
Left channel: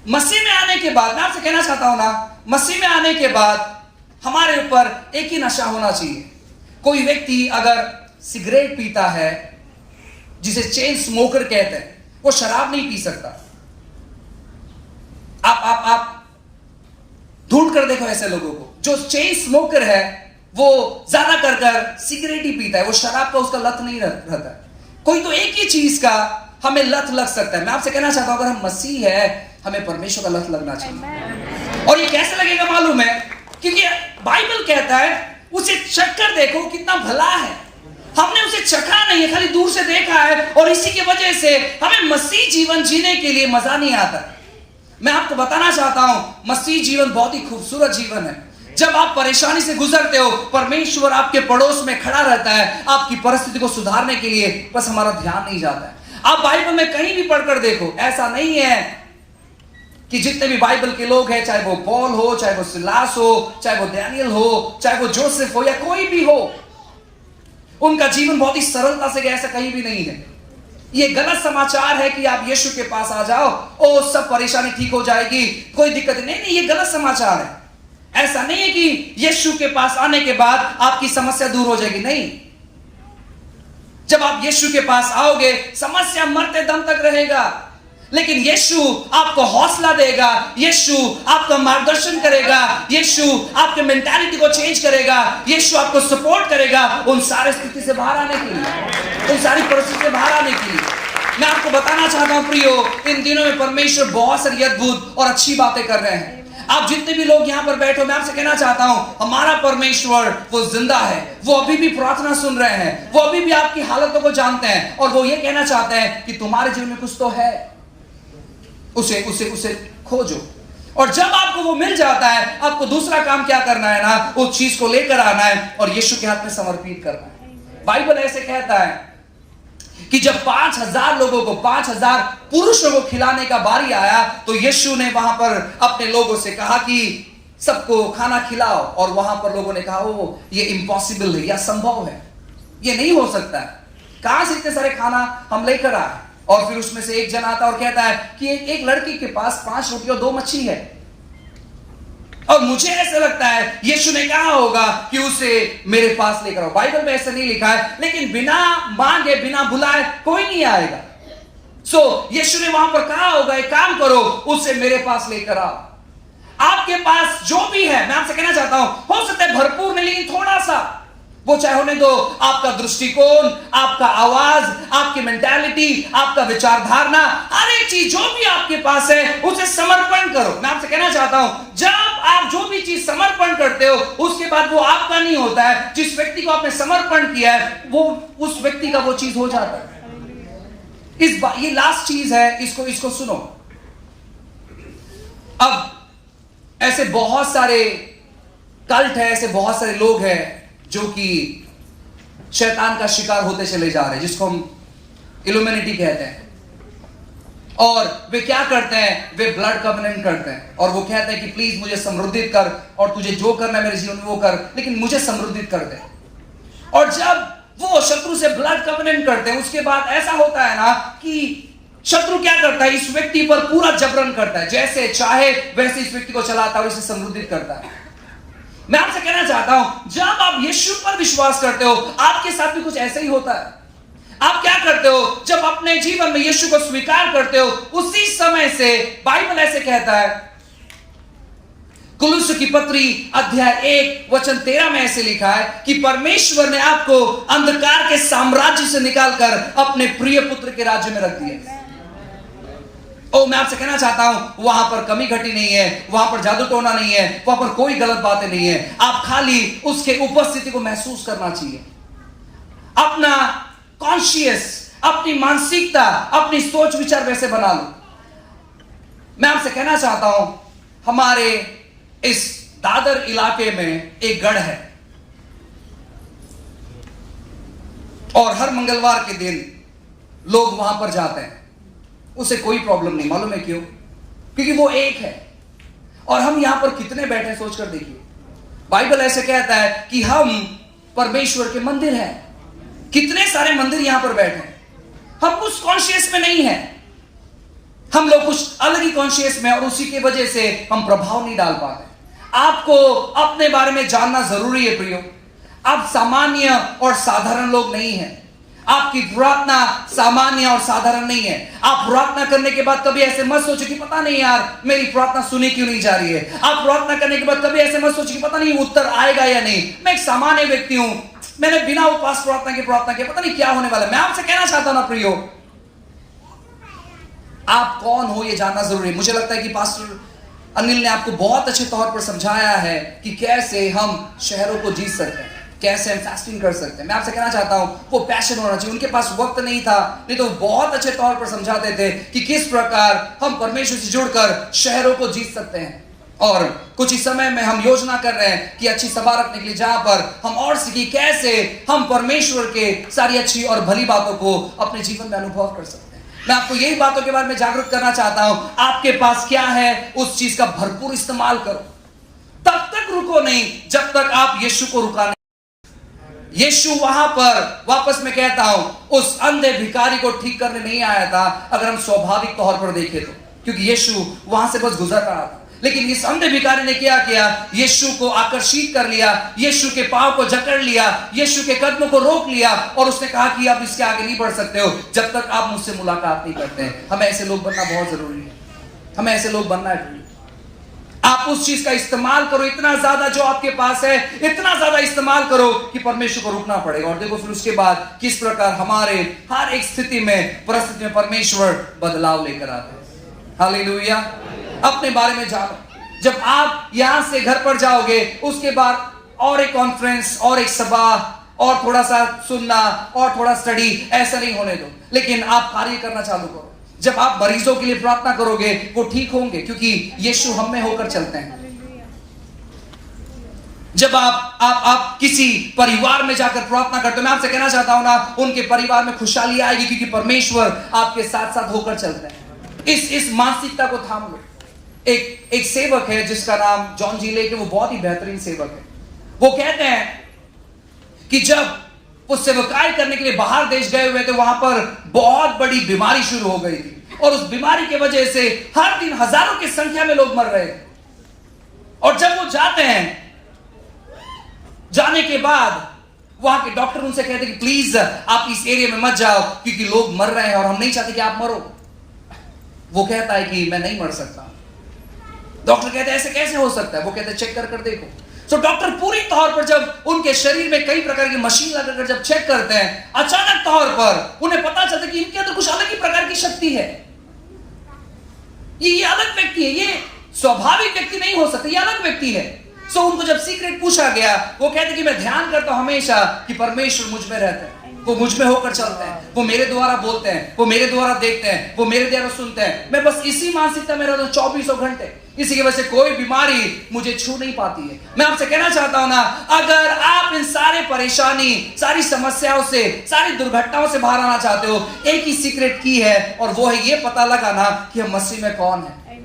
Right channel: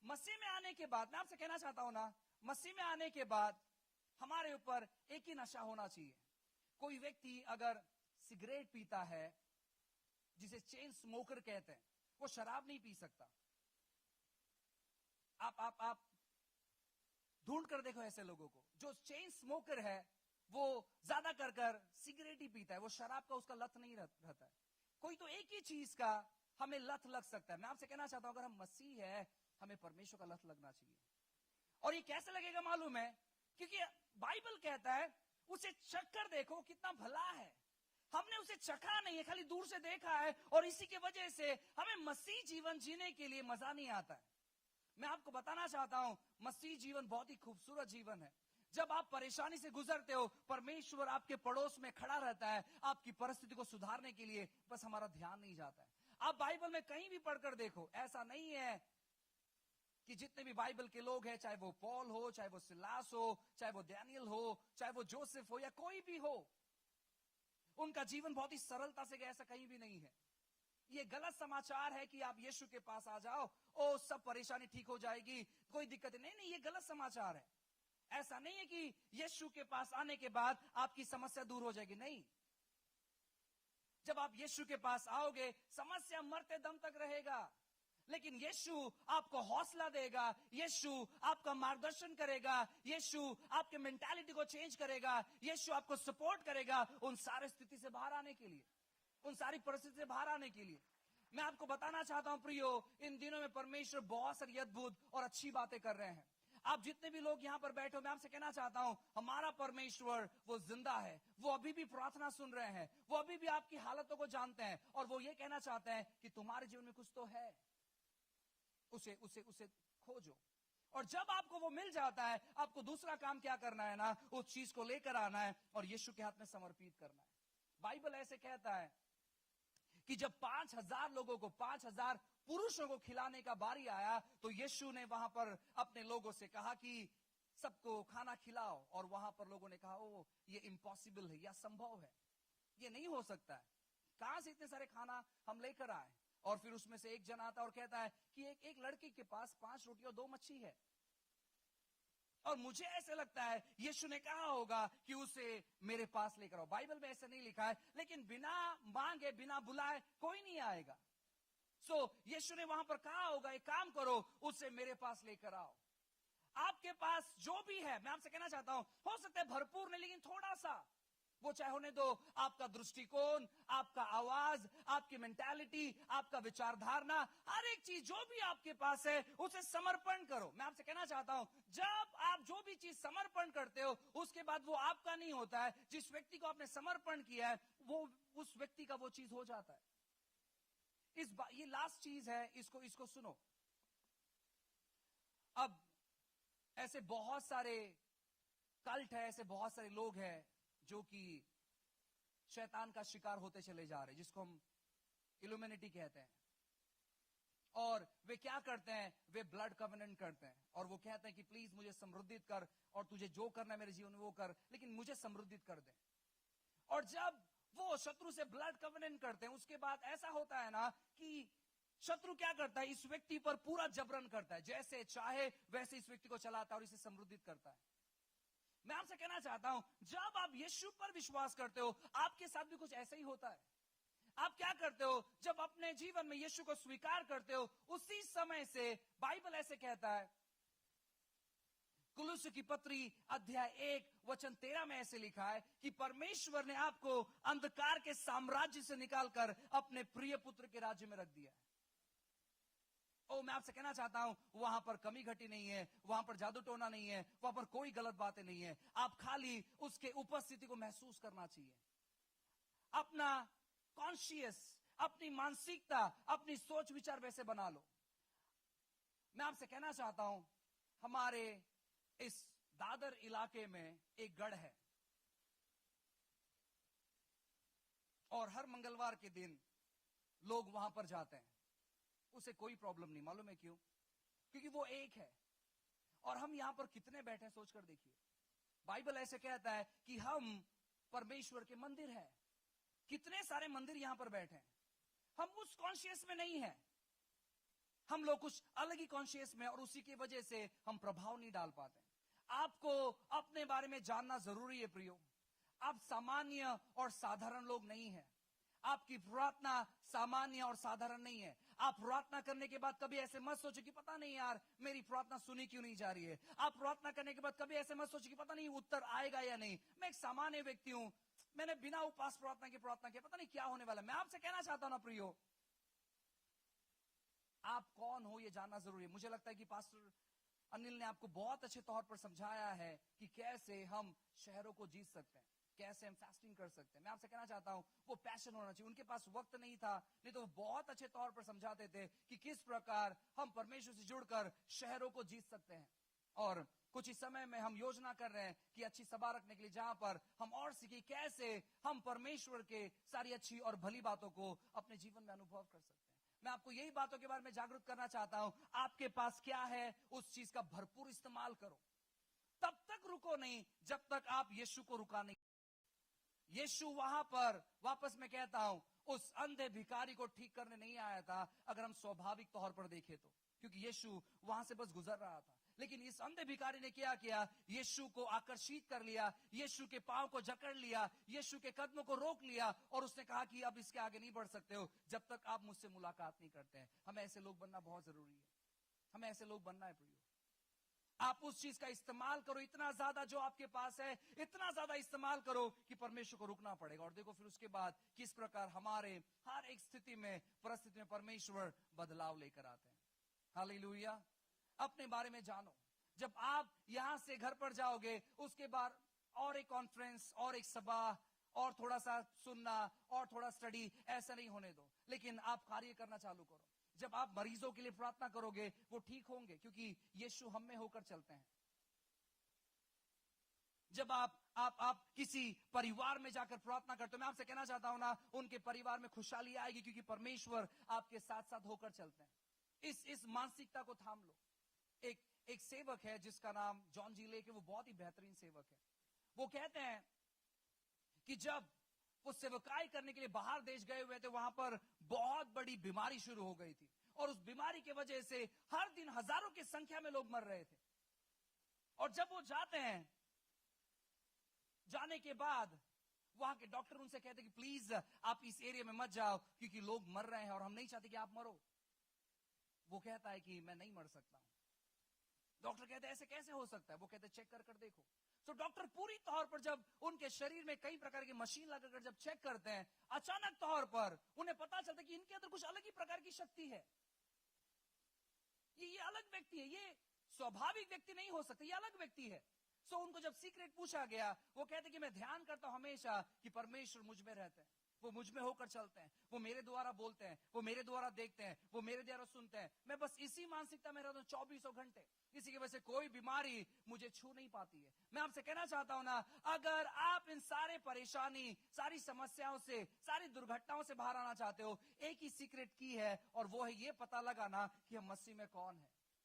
मसीह में आने के बाद, मैं आपसे कहना चाहता हूं ना, मसीह में आने के बाद हमारे ऊपर एक ही नशा होना चाहिए। कोई व्यक्ति अगर सिगरेट पीता है, जिसे चेन स्मोकर कहते हैं, वो शराब नहीं पी सकता। आप ढूंढ कर देखो ऐसे लोगों को। जो चेन स्मोकर है वो ज्यादा कर सिगरेट ही पीता है, वो शराब का उसका लत नहीं रहता है। कोई तो एक ही चीज का हमें लत लग सकता है। मैं आपसे कहना चाहता हूं, अगर हम मसीह है, हमें परमेश्वर का लत लगना चाहिए। और ये कैसे लगेगा मालूम है? क्योंकि बाइबल कहता है उसे चख कर देखो कितना भला है। हमने उसे चखा नहीं है, खाली दूर से देखा है, और इसी की वजह से हमें मसीह जीवन जीने के लिए मजा नहीं आता। मैं आपको बताना चाहता हूं, मसीह जीवन बहुत ही खूबसूरत जीवन है। जब आप परेशानी से गुजरते हो, परमेश्वर आपके पड़ोस में खड़ा रहता है आपकी परिस्थिति को सुधारने के लिए, बस हमारा ध्यान नहीं जाता है। आप बाइबल में कहीं भी पढ़कर देखो, ऐसा नहीं है कि जितने भी बाइबल के लोग हैं, चाहे वो पॉल हो, चाहे वो सिलास हो, चाहे वो डैनियल हो, चाहे वो जोसेफ हो, या कोई भी हो, उनका जीवन बहुत ही सरलता से गया, ऐसा कहीं भी नहीं है। ये गलत समाचार है कि आप यीशु के पास आ जाओ और सब परेशानी ठीक हो जाएगी, कोई दिक्कत नहीं, ये गलत समाचार है। ऐसा नहीं है कि यीशु के पास आने के बाद आपकी समस्या दूर हो जाएगी, नहीं। जब आप यीशु के पास आओगे, समस्या मरते दम तक रहेगा, लेकिन यीशु आपको हौसला देगा, यीशु आपका मार्गदर्शन करेगा, यीशु आपके मेंटालिटी को चेंज करेगा, यीशु आपको सपोर्ट करेगा उन सारे स्थिति से बाहर आने के लिए, उन सारी परिस्थिति से बाहर आने के लिए। मैं आपको बताना चाहता हूं प्रियो, इन दिनों में परमेश्वर बहुत सारी अद्भुत और अच्छी बातें कर रहे हैं। आप जितने भी लोग यहां पर बैठे हो, मैं आपसे कहना चाहता हूं, हमारा परमेश्वर वो जिंदा है, वो अभी भी प्रार्थना सुन रहे हैं, वो अभी भी आपकी हालतों को जानते हैं, और वो ये कहना चाहते हैं कि तुम्हारे जीवन में कुछ तो है, उसे खोजो। और जब आपको वो मिल जाता है, आपको दूसरा काम क्या करना है ना, उस चीज को लेकर आना है और यीशु के हाथ में समर्पित करना है। बाइबल ऐसे कहता है कि जब 5000 लोगों को, 5000 पुरुषों को खिलाने का बारी आया, तो यीशु ने वहां पर अपने लोगों से कहा कि सबको खाना खिलाओ, और वहां पर लोगों ने कहा ओ ये इम्पॉसिबल है, या संभव है, ये नहीं हो सकता है, कहां से इतने सारे खाना हम लेकर आए। और फिर उसमें से एक जन आता और कहता है कि एक लड़की के पास 5 रोटी और 2 मच्छी है, और मुझे ऐसा लगता है यीशु ने कहा होगा कि उसे मेरे पास लेकर आओ। बाइबल में ऐसा नहीं लिखा है, लेकिन बिना मांगे, बिना बुलाए कोई नहीं आएगा। सो यीशु ने वहां पर कहा होगा, एक काम करो, उसे मेरे पास लेकर आओ। आपके पास जो भी है, मैं आपसे कहना चाहता हूं, हो सकता है भरपूर नहीं, लेकिन थोड़ा सा, वो चाहे होने दो आपका दृष्टिकोण, आपका आवाज, आपकी मेंटालिटी, आपका विचारधारा, हर एक चीज जो भी आपके पास है उसे समर्पण करो। मैं आपसे कहना चाहता हूं, जब आप जो भी चीज समर्पण करते हो, उसके बाद वो आपका नहीं होता है, जिस व्यक्ति को आपने समर्पण किया है वो उस व्यक्ति का वो चीज हो जाता है। ये लास्ट चीज है, इसको सुनो। अब ऐसे बहुत सारे कल्ट है, ऐसे बहुत सारे लोग हैं जो कि शैतान का शिकार होते चले जा रहे हैं, जिसको हम इल्यूमिनेटी कहते हैं। और वे क्या करते हैं, वे ब्लड कवेनेंट करते हैं, और वो कहते हैं कि प्लीज मुझे समृद्धित कर, और तुझे जो करना है मेरे जीवन में वो कर, लेकिन मुझे समृद्धित कर दे। और जब वो शत्रु से ब्लड कवेनेंट करते हैं, उसके बाद ऐसा होता है ना कि शत्रु क्या करता है, इस व्यक्ति पर पूरा जबरन करता है, जैसे चाहे वैसे इस व्यक्ति को चलाता है और इसे समृद्धित करता है। मैं आपसे कहना चाहता हूं, जब आप यीशु पर विश्वास करते हो, आपके साथ भी कुछ ऐसा ही होता है। आप क्या करते हो, जब अपने जीवन में यीशु को स्वीकार करते हो, उसी समय से बाइबल ऐसे कहता है, कुलुस्सी की पत्री अध्याय 1 वचन 13 में ऐसे लिखा है कि परमेश्वर ने आपको अंधकार के साम्राज्य से निकालकर अपने प्रिय पुत्र के राज्य में रख दिया। मैं आपसे कहना चाहता हूं वहां पर कमी घटी नहीं है, वहां पर जादू टोना नहीं है, वहां पर कोई गलत बातें नहीं है। आप खाली उसके उपस्थिति को महसूस करना चाहिए। अपना कॉन्शियस, अपनी मानसिकता, अपनी सोच विचार वैसे बना लो। मैं आपसे कहना चाहता हूं हमारे इस दादर इलाके में एक गढ़ है और हर मंगलवार के दिन लोग वहां पर जाते हैं। उसे कोई प्रॉब्लम नहीं, मालूम है क्यों? क्योंकि वो एक है। और हम यहां पर कितने बैठे सोचकर देखिए, बाइबल ऐसे कहता है कि हम परमेश्वर के मंदिर हैं। कितने सारे मंदिर यहां पर बैठे हैं। हम उस कॉन्शियस में नहीं है, हम लोग कुछ अलग ही कॉन्शियस में, और उसी की वजह से हम प्रभाव नहीं डाल पाते। आपको अपने बारे में जानना जरूरी है प्रियो। आप सामान्य और साधारण लोग नहीं हैं। आपकी प्रार्थना सामान्य और साधारण नहीं है। आप प्रार्थना करने के बाद कभी ऐसे मत सोचो कि पता नहीं यार मेरी प्रार्थना सुनी क्यों नहीं जा रही है। आप प्रार्थना करने के बाद कभी ऐसे मत सोचो कि पता नहीं उत्तर आएगा या नहीं। मैं एक सामान्य व्यक्ति हूं, मैंने बिना उपवास प्रार्थना की प्रार्थना की, पता नहीं क्या होने वाला है। मैं आपसे कहना चाहता हूं ना प्रियो, आप कौन हो ये जानना जरूरी है। मुझे लगता है कि पास्टर अनिल ने आपको बहुत अच्छे तौर पर समझाया है कि कैसे हम शहरों को जीत सकते हैं, कैसे हम फास्टिंग कर सकते हैं। मैं आपसे कहना चाहता हूं वो पैशन होना चाहिए। उनके पास वक्त नहीं था, नहीं तो बहुत अच्छे तौर पर समझाते थे कि किस प्रकार हम परमेश्वर से जुड़कर शहरों को जीत सकते हैं। और कुछ ही समय में हम योजना कर रहे हैं कि अच्छी सभा रखने के लिए, जहां पर हम और सीखी कैसे हम परमेश्वर के सारी अच्छी और भली बातों को अपने जीवन में अनुभव कर सकते हैं। मैं आपको यही बातों के बारे में जागरूक करना चाहता हूं। आपके पास क्या है उस चीज का भरपूर इस्तेमाल करो। तब तक रुको नहीं जब तक आप यीशु को रुका नहीं। यीशु वहां पर, वापस मैं कहता हूं, उस अंधे भिखारी को ठीक करने नहीं आया था, अगर हम स्वाभाविक तौर पर देखें तो, क्योंकि यीशु वहां से बस गुजर रहा था। लेकिन इस अंधे भिखारी ने क्या किया? यीशु को आकर्षित कर लिया, यीशु के पांव को जकड़ लिया, यीशु के कदमों को रोक लिया और उसने कहा कि अब इसके आगे नहीं बढ़ सकते हो जब तक आप मुझसे मुलाकात नहीं करते हैं। हमें ऐसे लोग बनना बहुत जरूरी है। हमें ऐसे लोग बनना है। आप उस चीज का इस्तेमाल करो, इतना ज्यादा जो आपके पास है इतना ज्यादा इस्तेमाल करो कि परमेश्वर को रुकना पड़ेगा। और देखो फिर उसके बाद किस प्रकार हमारे हर एक स्थिति में, परिस्थिति में परमेश्वर बदलाव लेकर आते हैं। हालेलुया। अपने बारे में जानो। जब आप यहां से घर पर जाओगे, उसके बाद और एक कॉन्फ्रेंस और एक सभा और थोड़ा सा सुनना और थोड़ा स्टडी, ऐसा नहीं होने दो। लेकिन आप कार्य करना चालू करो। जब आप मरीजों के लिए प्रार्थना करोगे वो ठीक होंगे, क्योंकि यीशु हम में होकर चलते हैं। जब आप किसी परिवार में जाकर प्रार्थना करते हो, मैं आपसे कहना चाहता हूं ना, उनके परिवार में खुशहाली आएगी, क्योंकि परमेश्वर आपके साथ साथ होकर चलते हैं। इस मानसिकता को थाम लो। एक सेवक है जिसका नाम जॉन जी लेके, वो बहुत ही बेहतरीन सेवक है। वो कहते हैं कि जब वो सेवकाई करने के लिए बाहर देश गए हुए थे, वहां पर बहुत बड़ी बीमारी शुरू हो गई थी और उस बीमारी की वजह से हर दिन हजारों की संख्या में लोग मर रहे थे। और जब वो जाते हैं, जाने के बाद वहां के डॉक्टर उनसे कहते कि प्लीज आप इस एरिया में मत जाओ, क्योंकि लोग मर रहे हैं और हम नहीं चाहते कि आप मरो। वो कहता है कि मैं नहीं मर सकता। डॉक्टर कहते हैं ऐसे कैसे हो सकता है? वो कहते हैं चेक कर देखो। तो डॉक्टर पूरी तौर पर जब उनके शरीर में कई प्रकार की मशीन लगाकर जब चेक करते हैं, अचानक तौर पर उन्हें पता चलता है कि इनके अंदर कुछ अलग ही प्रकार की शक्ति है। ये अलग व्यक्ति है, ये स्वाभाविक व्यक्ति नहीं हो सकता, ये अलग व्यक्ति है। सो उनको जब सीक्रेट पूछा गया, वो कहते कि मैं ध्यान करता हूं हमेशा कि परमेश्वर मुझ में रहता है, वो मुझ में होकर चलते हैं, वो मेरे द्वारा बोलते हैं, वो मेरे द्वारा देखते हैं, वो मेरे द्वारा सुनते हैं। मैं बस इसी मानसिकता में रहता हूं 24 घंटे। इसी की वजह से कोई बीमारी मुझे छू नहीं पाती है। मैं आपसे कहना चाहता हूं ना, अगर आप इन सारे परेशानी, सारी समस्याओं से, सारी दुर्घटनाओं से बाहर आना चाहते हो, एक ही सीक्रेट की है, और वो है ये पता लगाना कि हम मसीह में कौन है।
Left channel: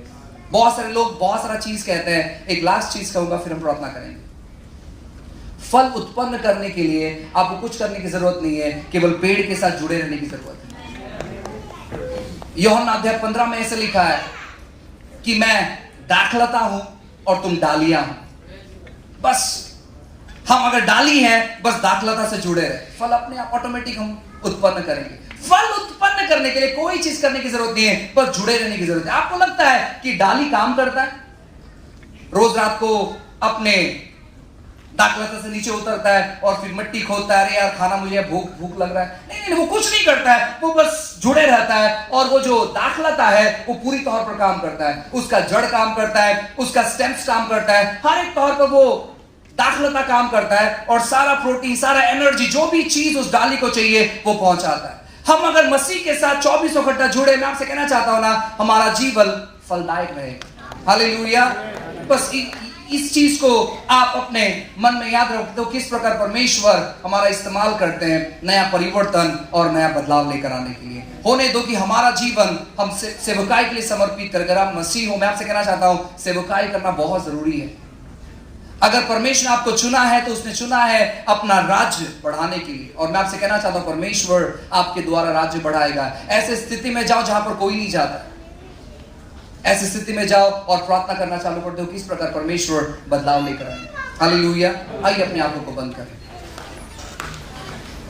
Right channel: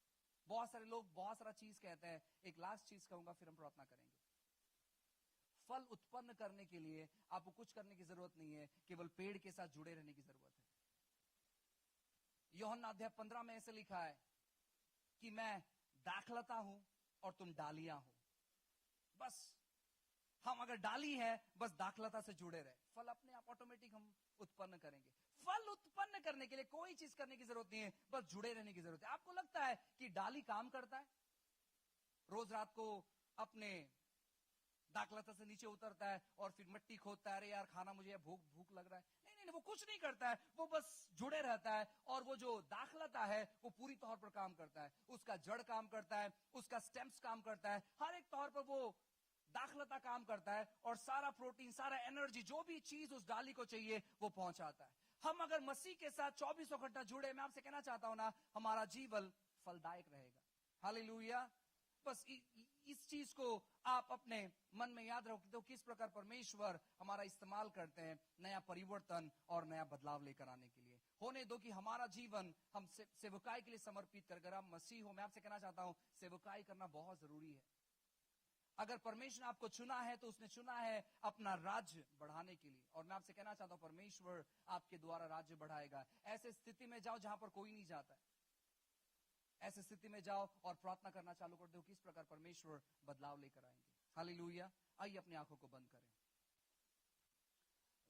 बहुत सारे लोग बहुत सारा चीज कहते हैं। एक लास्ट चीज कहूंगा, फिर हम प्रार्थना करेंगे। फल उत्पन्न करने के लिए आपको कुछ करने की जरूरत नहीं है, केवल पेड़ के साथ जुड़े रहने की जरूरत है। यूहन्ना अध्याय 15 में ऐसे लिखा है कि मैं दाखलता हूं और तुम डालियां हो। बस हम अगर डाली हैं, बस दाखलता से जुड़े रहे, फल अपने आप ऑटोमेटिक हम उत्पन्न करेंगे। फल उत्पन्न करने के लिए कोई चीज करने की जरूरत नहीं है, बस जुड़े रहने की जरूरत है। आपको लगता है कि डाली काम करता है? रोज रात को अपने दाखलता से नीचे उतरता है और फिर मिट्टी खोदता है, अरे यार खाना मुझे भूख लग रहा है। नहीं, वो कुछ नहीं करता है, वो बस जुड़े रहता है। और वो जो दाखलता है वो पूरी तौर पर काम करता है, उसका जड़ काम करता है, उसका स्टेम्स काम करता है, हर एक तौर पर वो दाखलता काम करता है और सारा प्रोटीन, सारा एनर्जी, जो भी चीज उस डाली को चाहिए वो पहुंचाता है। हम अगर मसीह के साथ 24 घंटा जुड़े, मैं आपसे कहना चाहता हूं ना, हमारा जीवन फलदायक रहेगा। हालेलुया। बस इस चीज को आप अपने मन में याद रखते हो, किस प्रकार परमेश्वर हमारा इस्तेमाल करते हैं नया परिवर्तन और नया बदलाव लेकर आने के लिए। होने दो कि हमारा जीवन हम सेवकाई के लिए समर्पित कर। अगर आप मसीह हो, मैं आपसे कहना चाहता हूं, सेवकाई करना बहुत जरूरी है। अगर परमेश्वर आपको चुना है तो उसने चुना है अपना राज्य बढ़ाने के लिए, और मैं आपसे कहना चाहता हूं परमेश्वर आपके द्वारा राज्य बढ़ाएगा। ऐसे स्थिति में जाओ जहां पर कोई नहीं जाता, ऐसी स्थिति में जाओ और प्रार्थना करना चालू कर दो, किस प्रकार परमेश्वर बदलाव लेकर आए। हालेलुया। आइए अपने आंखों को बंद करें।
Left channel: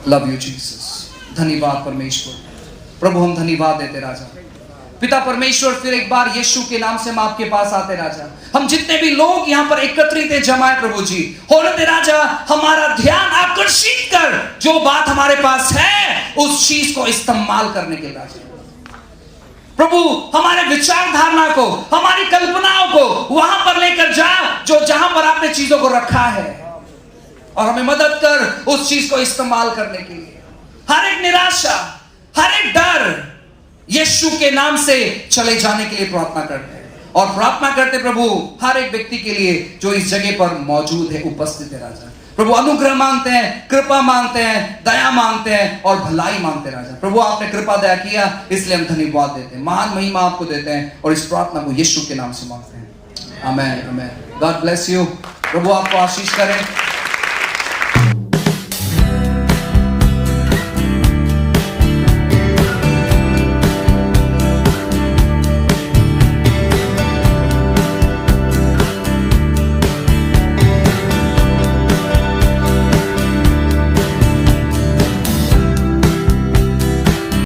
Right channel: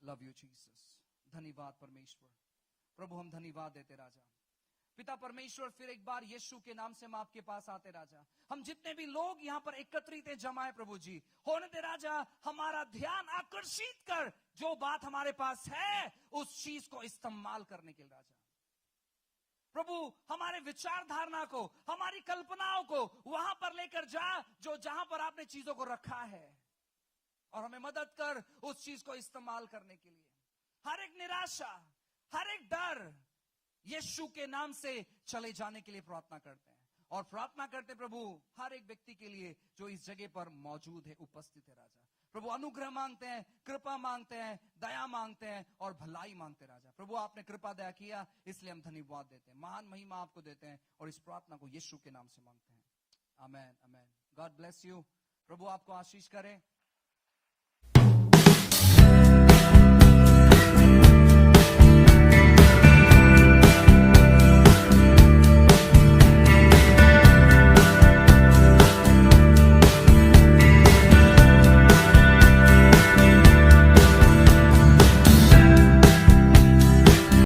Love you Jesus. धन्यवाद परमेश्वर। प्रभु हम धन्यवाद देते राजा। पिता परमेश्वर, फिर एक बार यीशु के नाम से हम आपके पास आते राजा। हम जितने भी लोग यहाँ पर एकत्रित हैं जमाए प्रभु जी, होने दे राजा हमारा ध्यान आकर्षित कर, जो बात हमारे पास है उस चीज को इस्तेमाल करने के राजा। प्रभु हमारे विचार धारणा को, हमारी कल्पनाओं को वहां पर लेकर जा जो जहां पर आपने चीजों को रखा है, और हमें मदद कर उस चीज को इस्तेमाल करने के लिए। हर एक निराशा, हर एक डर यीशु के नाम से चले जाने के लिए प्रार्थना करते हैं, और प्रार्थना करते प्रभु हर एक व्यक्ति के लिए जो इस जगह पर मौजूद है, उपस्थित है राजा। प्रभु अनुग्रह मांगते हैं, कृपा मांगते हैं, दया मांगते हैं और भलाई मांगते हैं राजा। प्रभु आपने कृपा दया किया, इसलिए हम धन्यवाद देते हैं, महान महिमा आपको देते हैं, और इस प्रार्थना को यीशु के नाम से मांगते हैं। Amen, amen. God bless you. प्रभु आपको आशीष करें।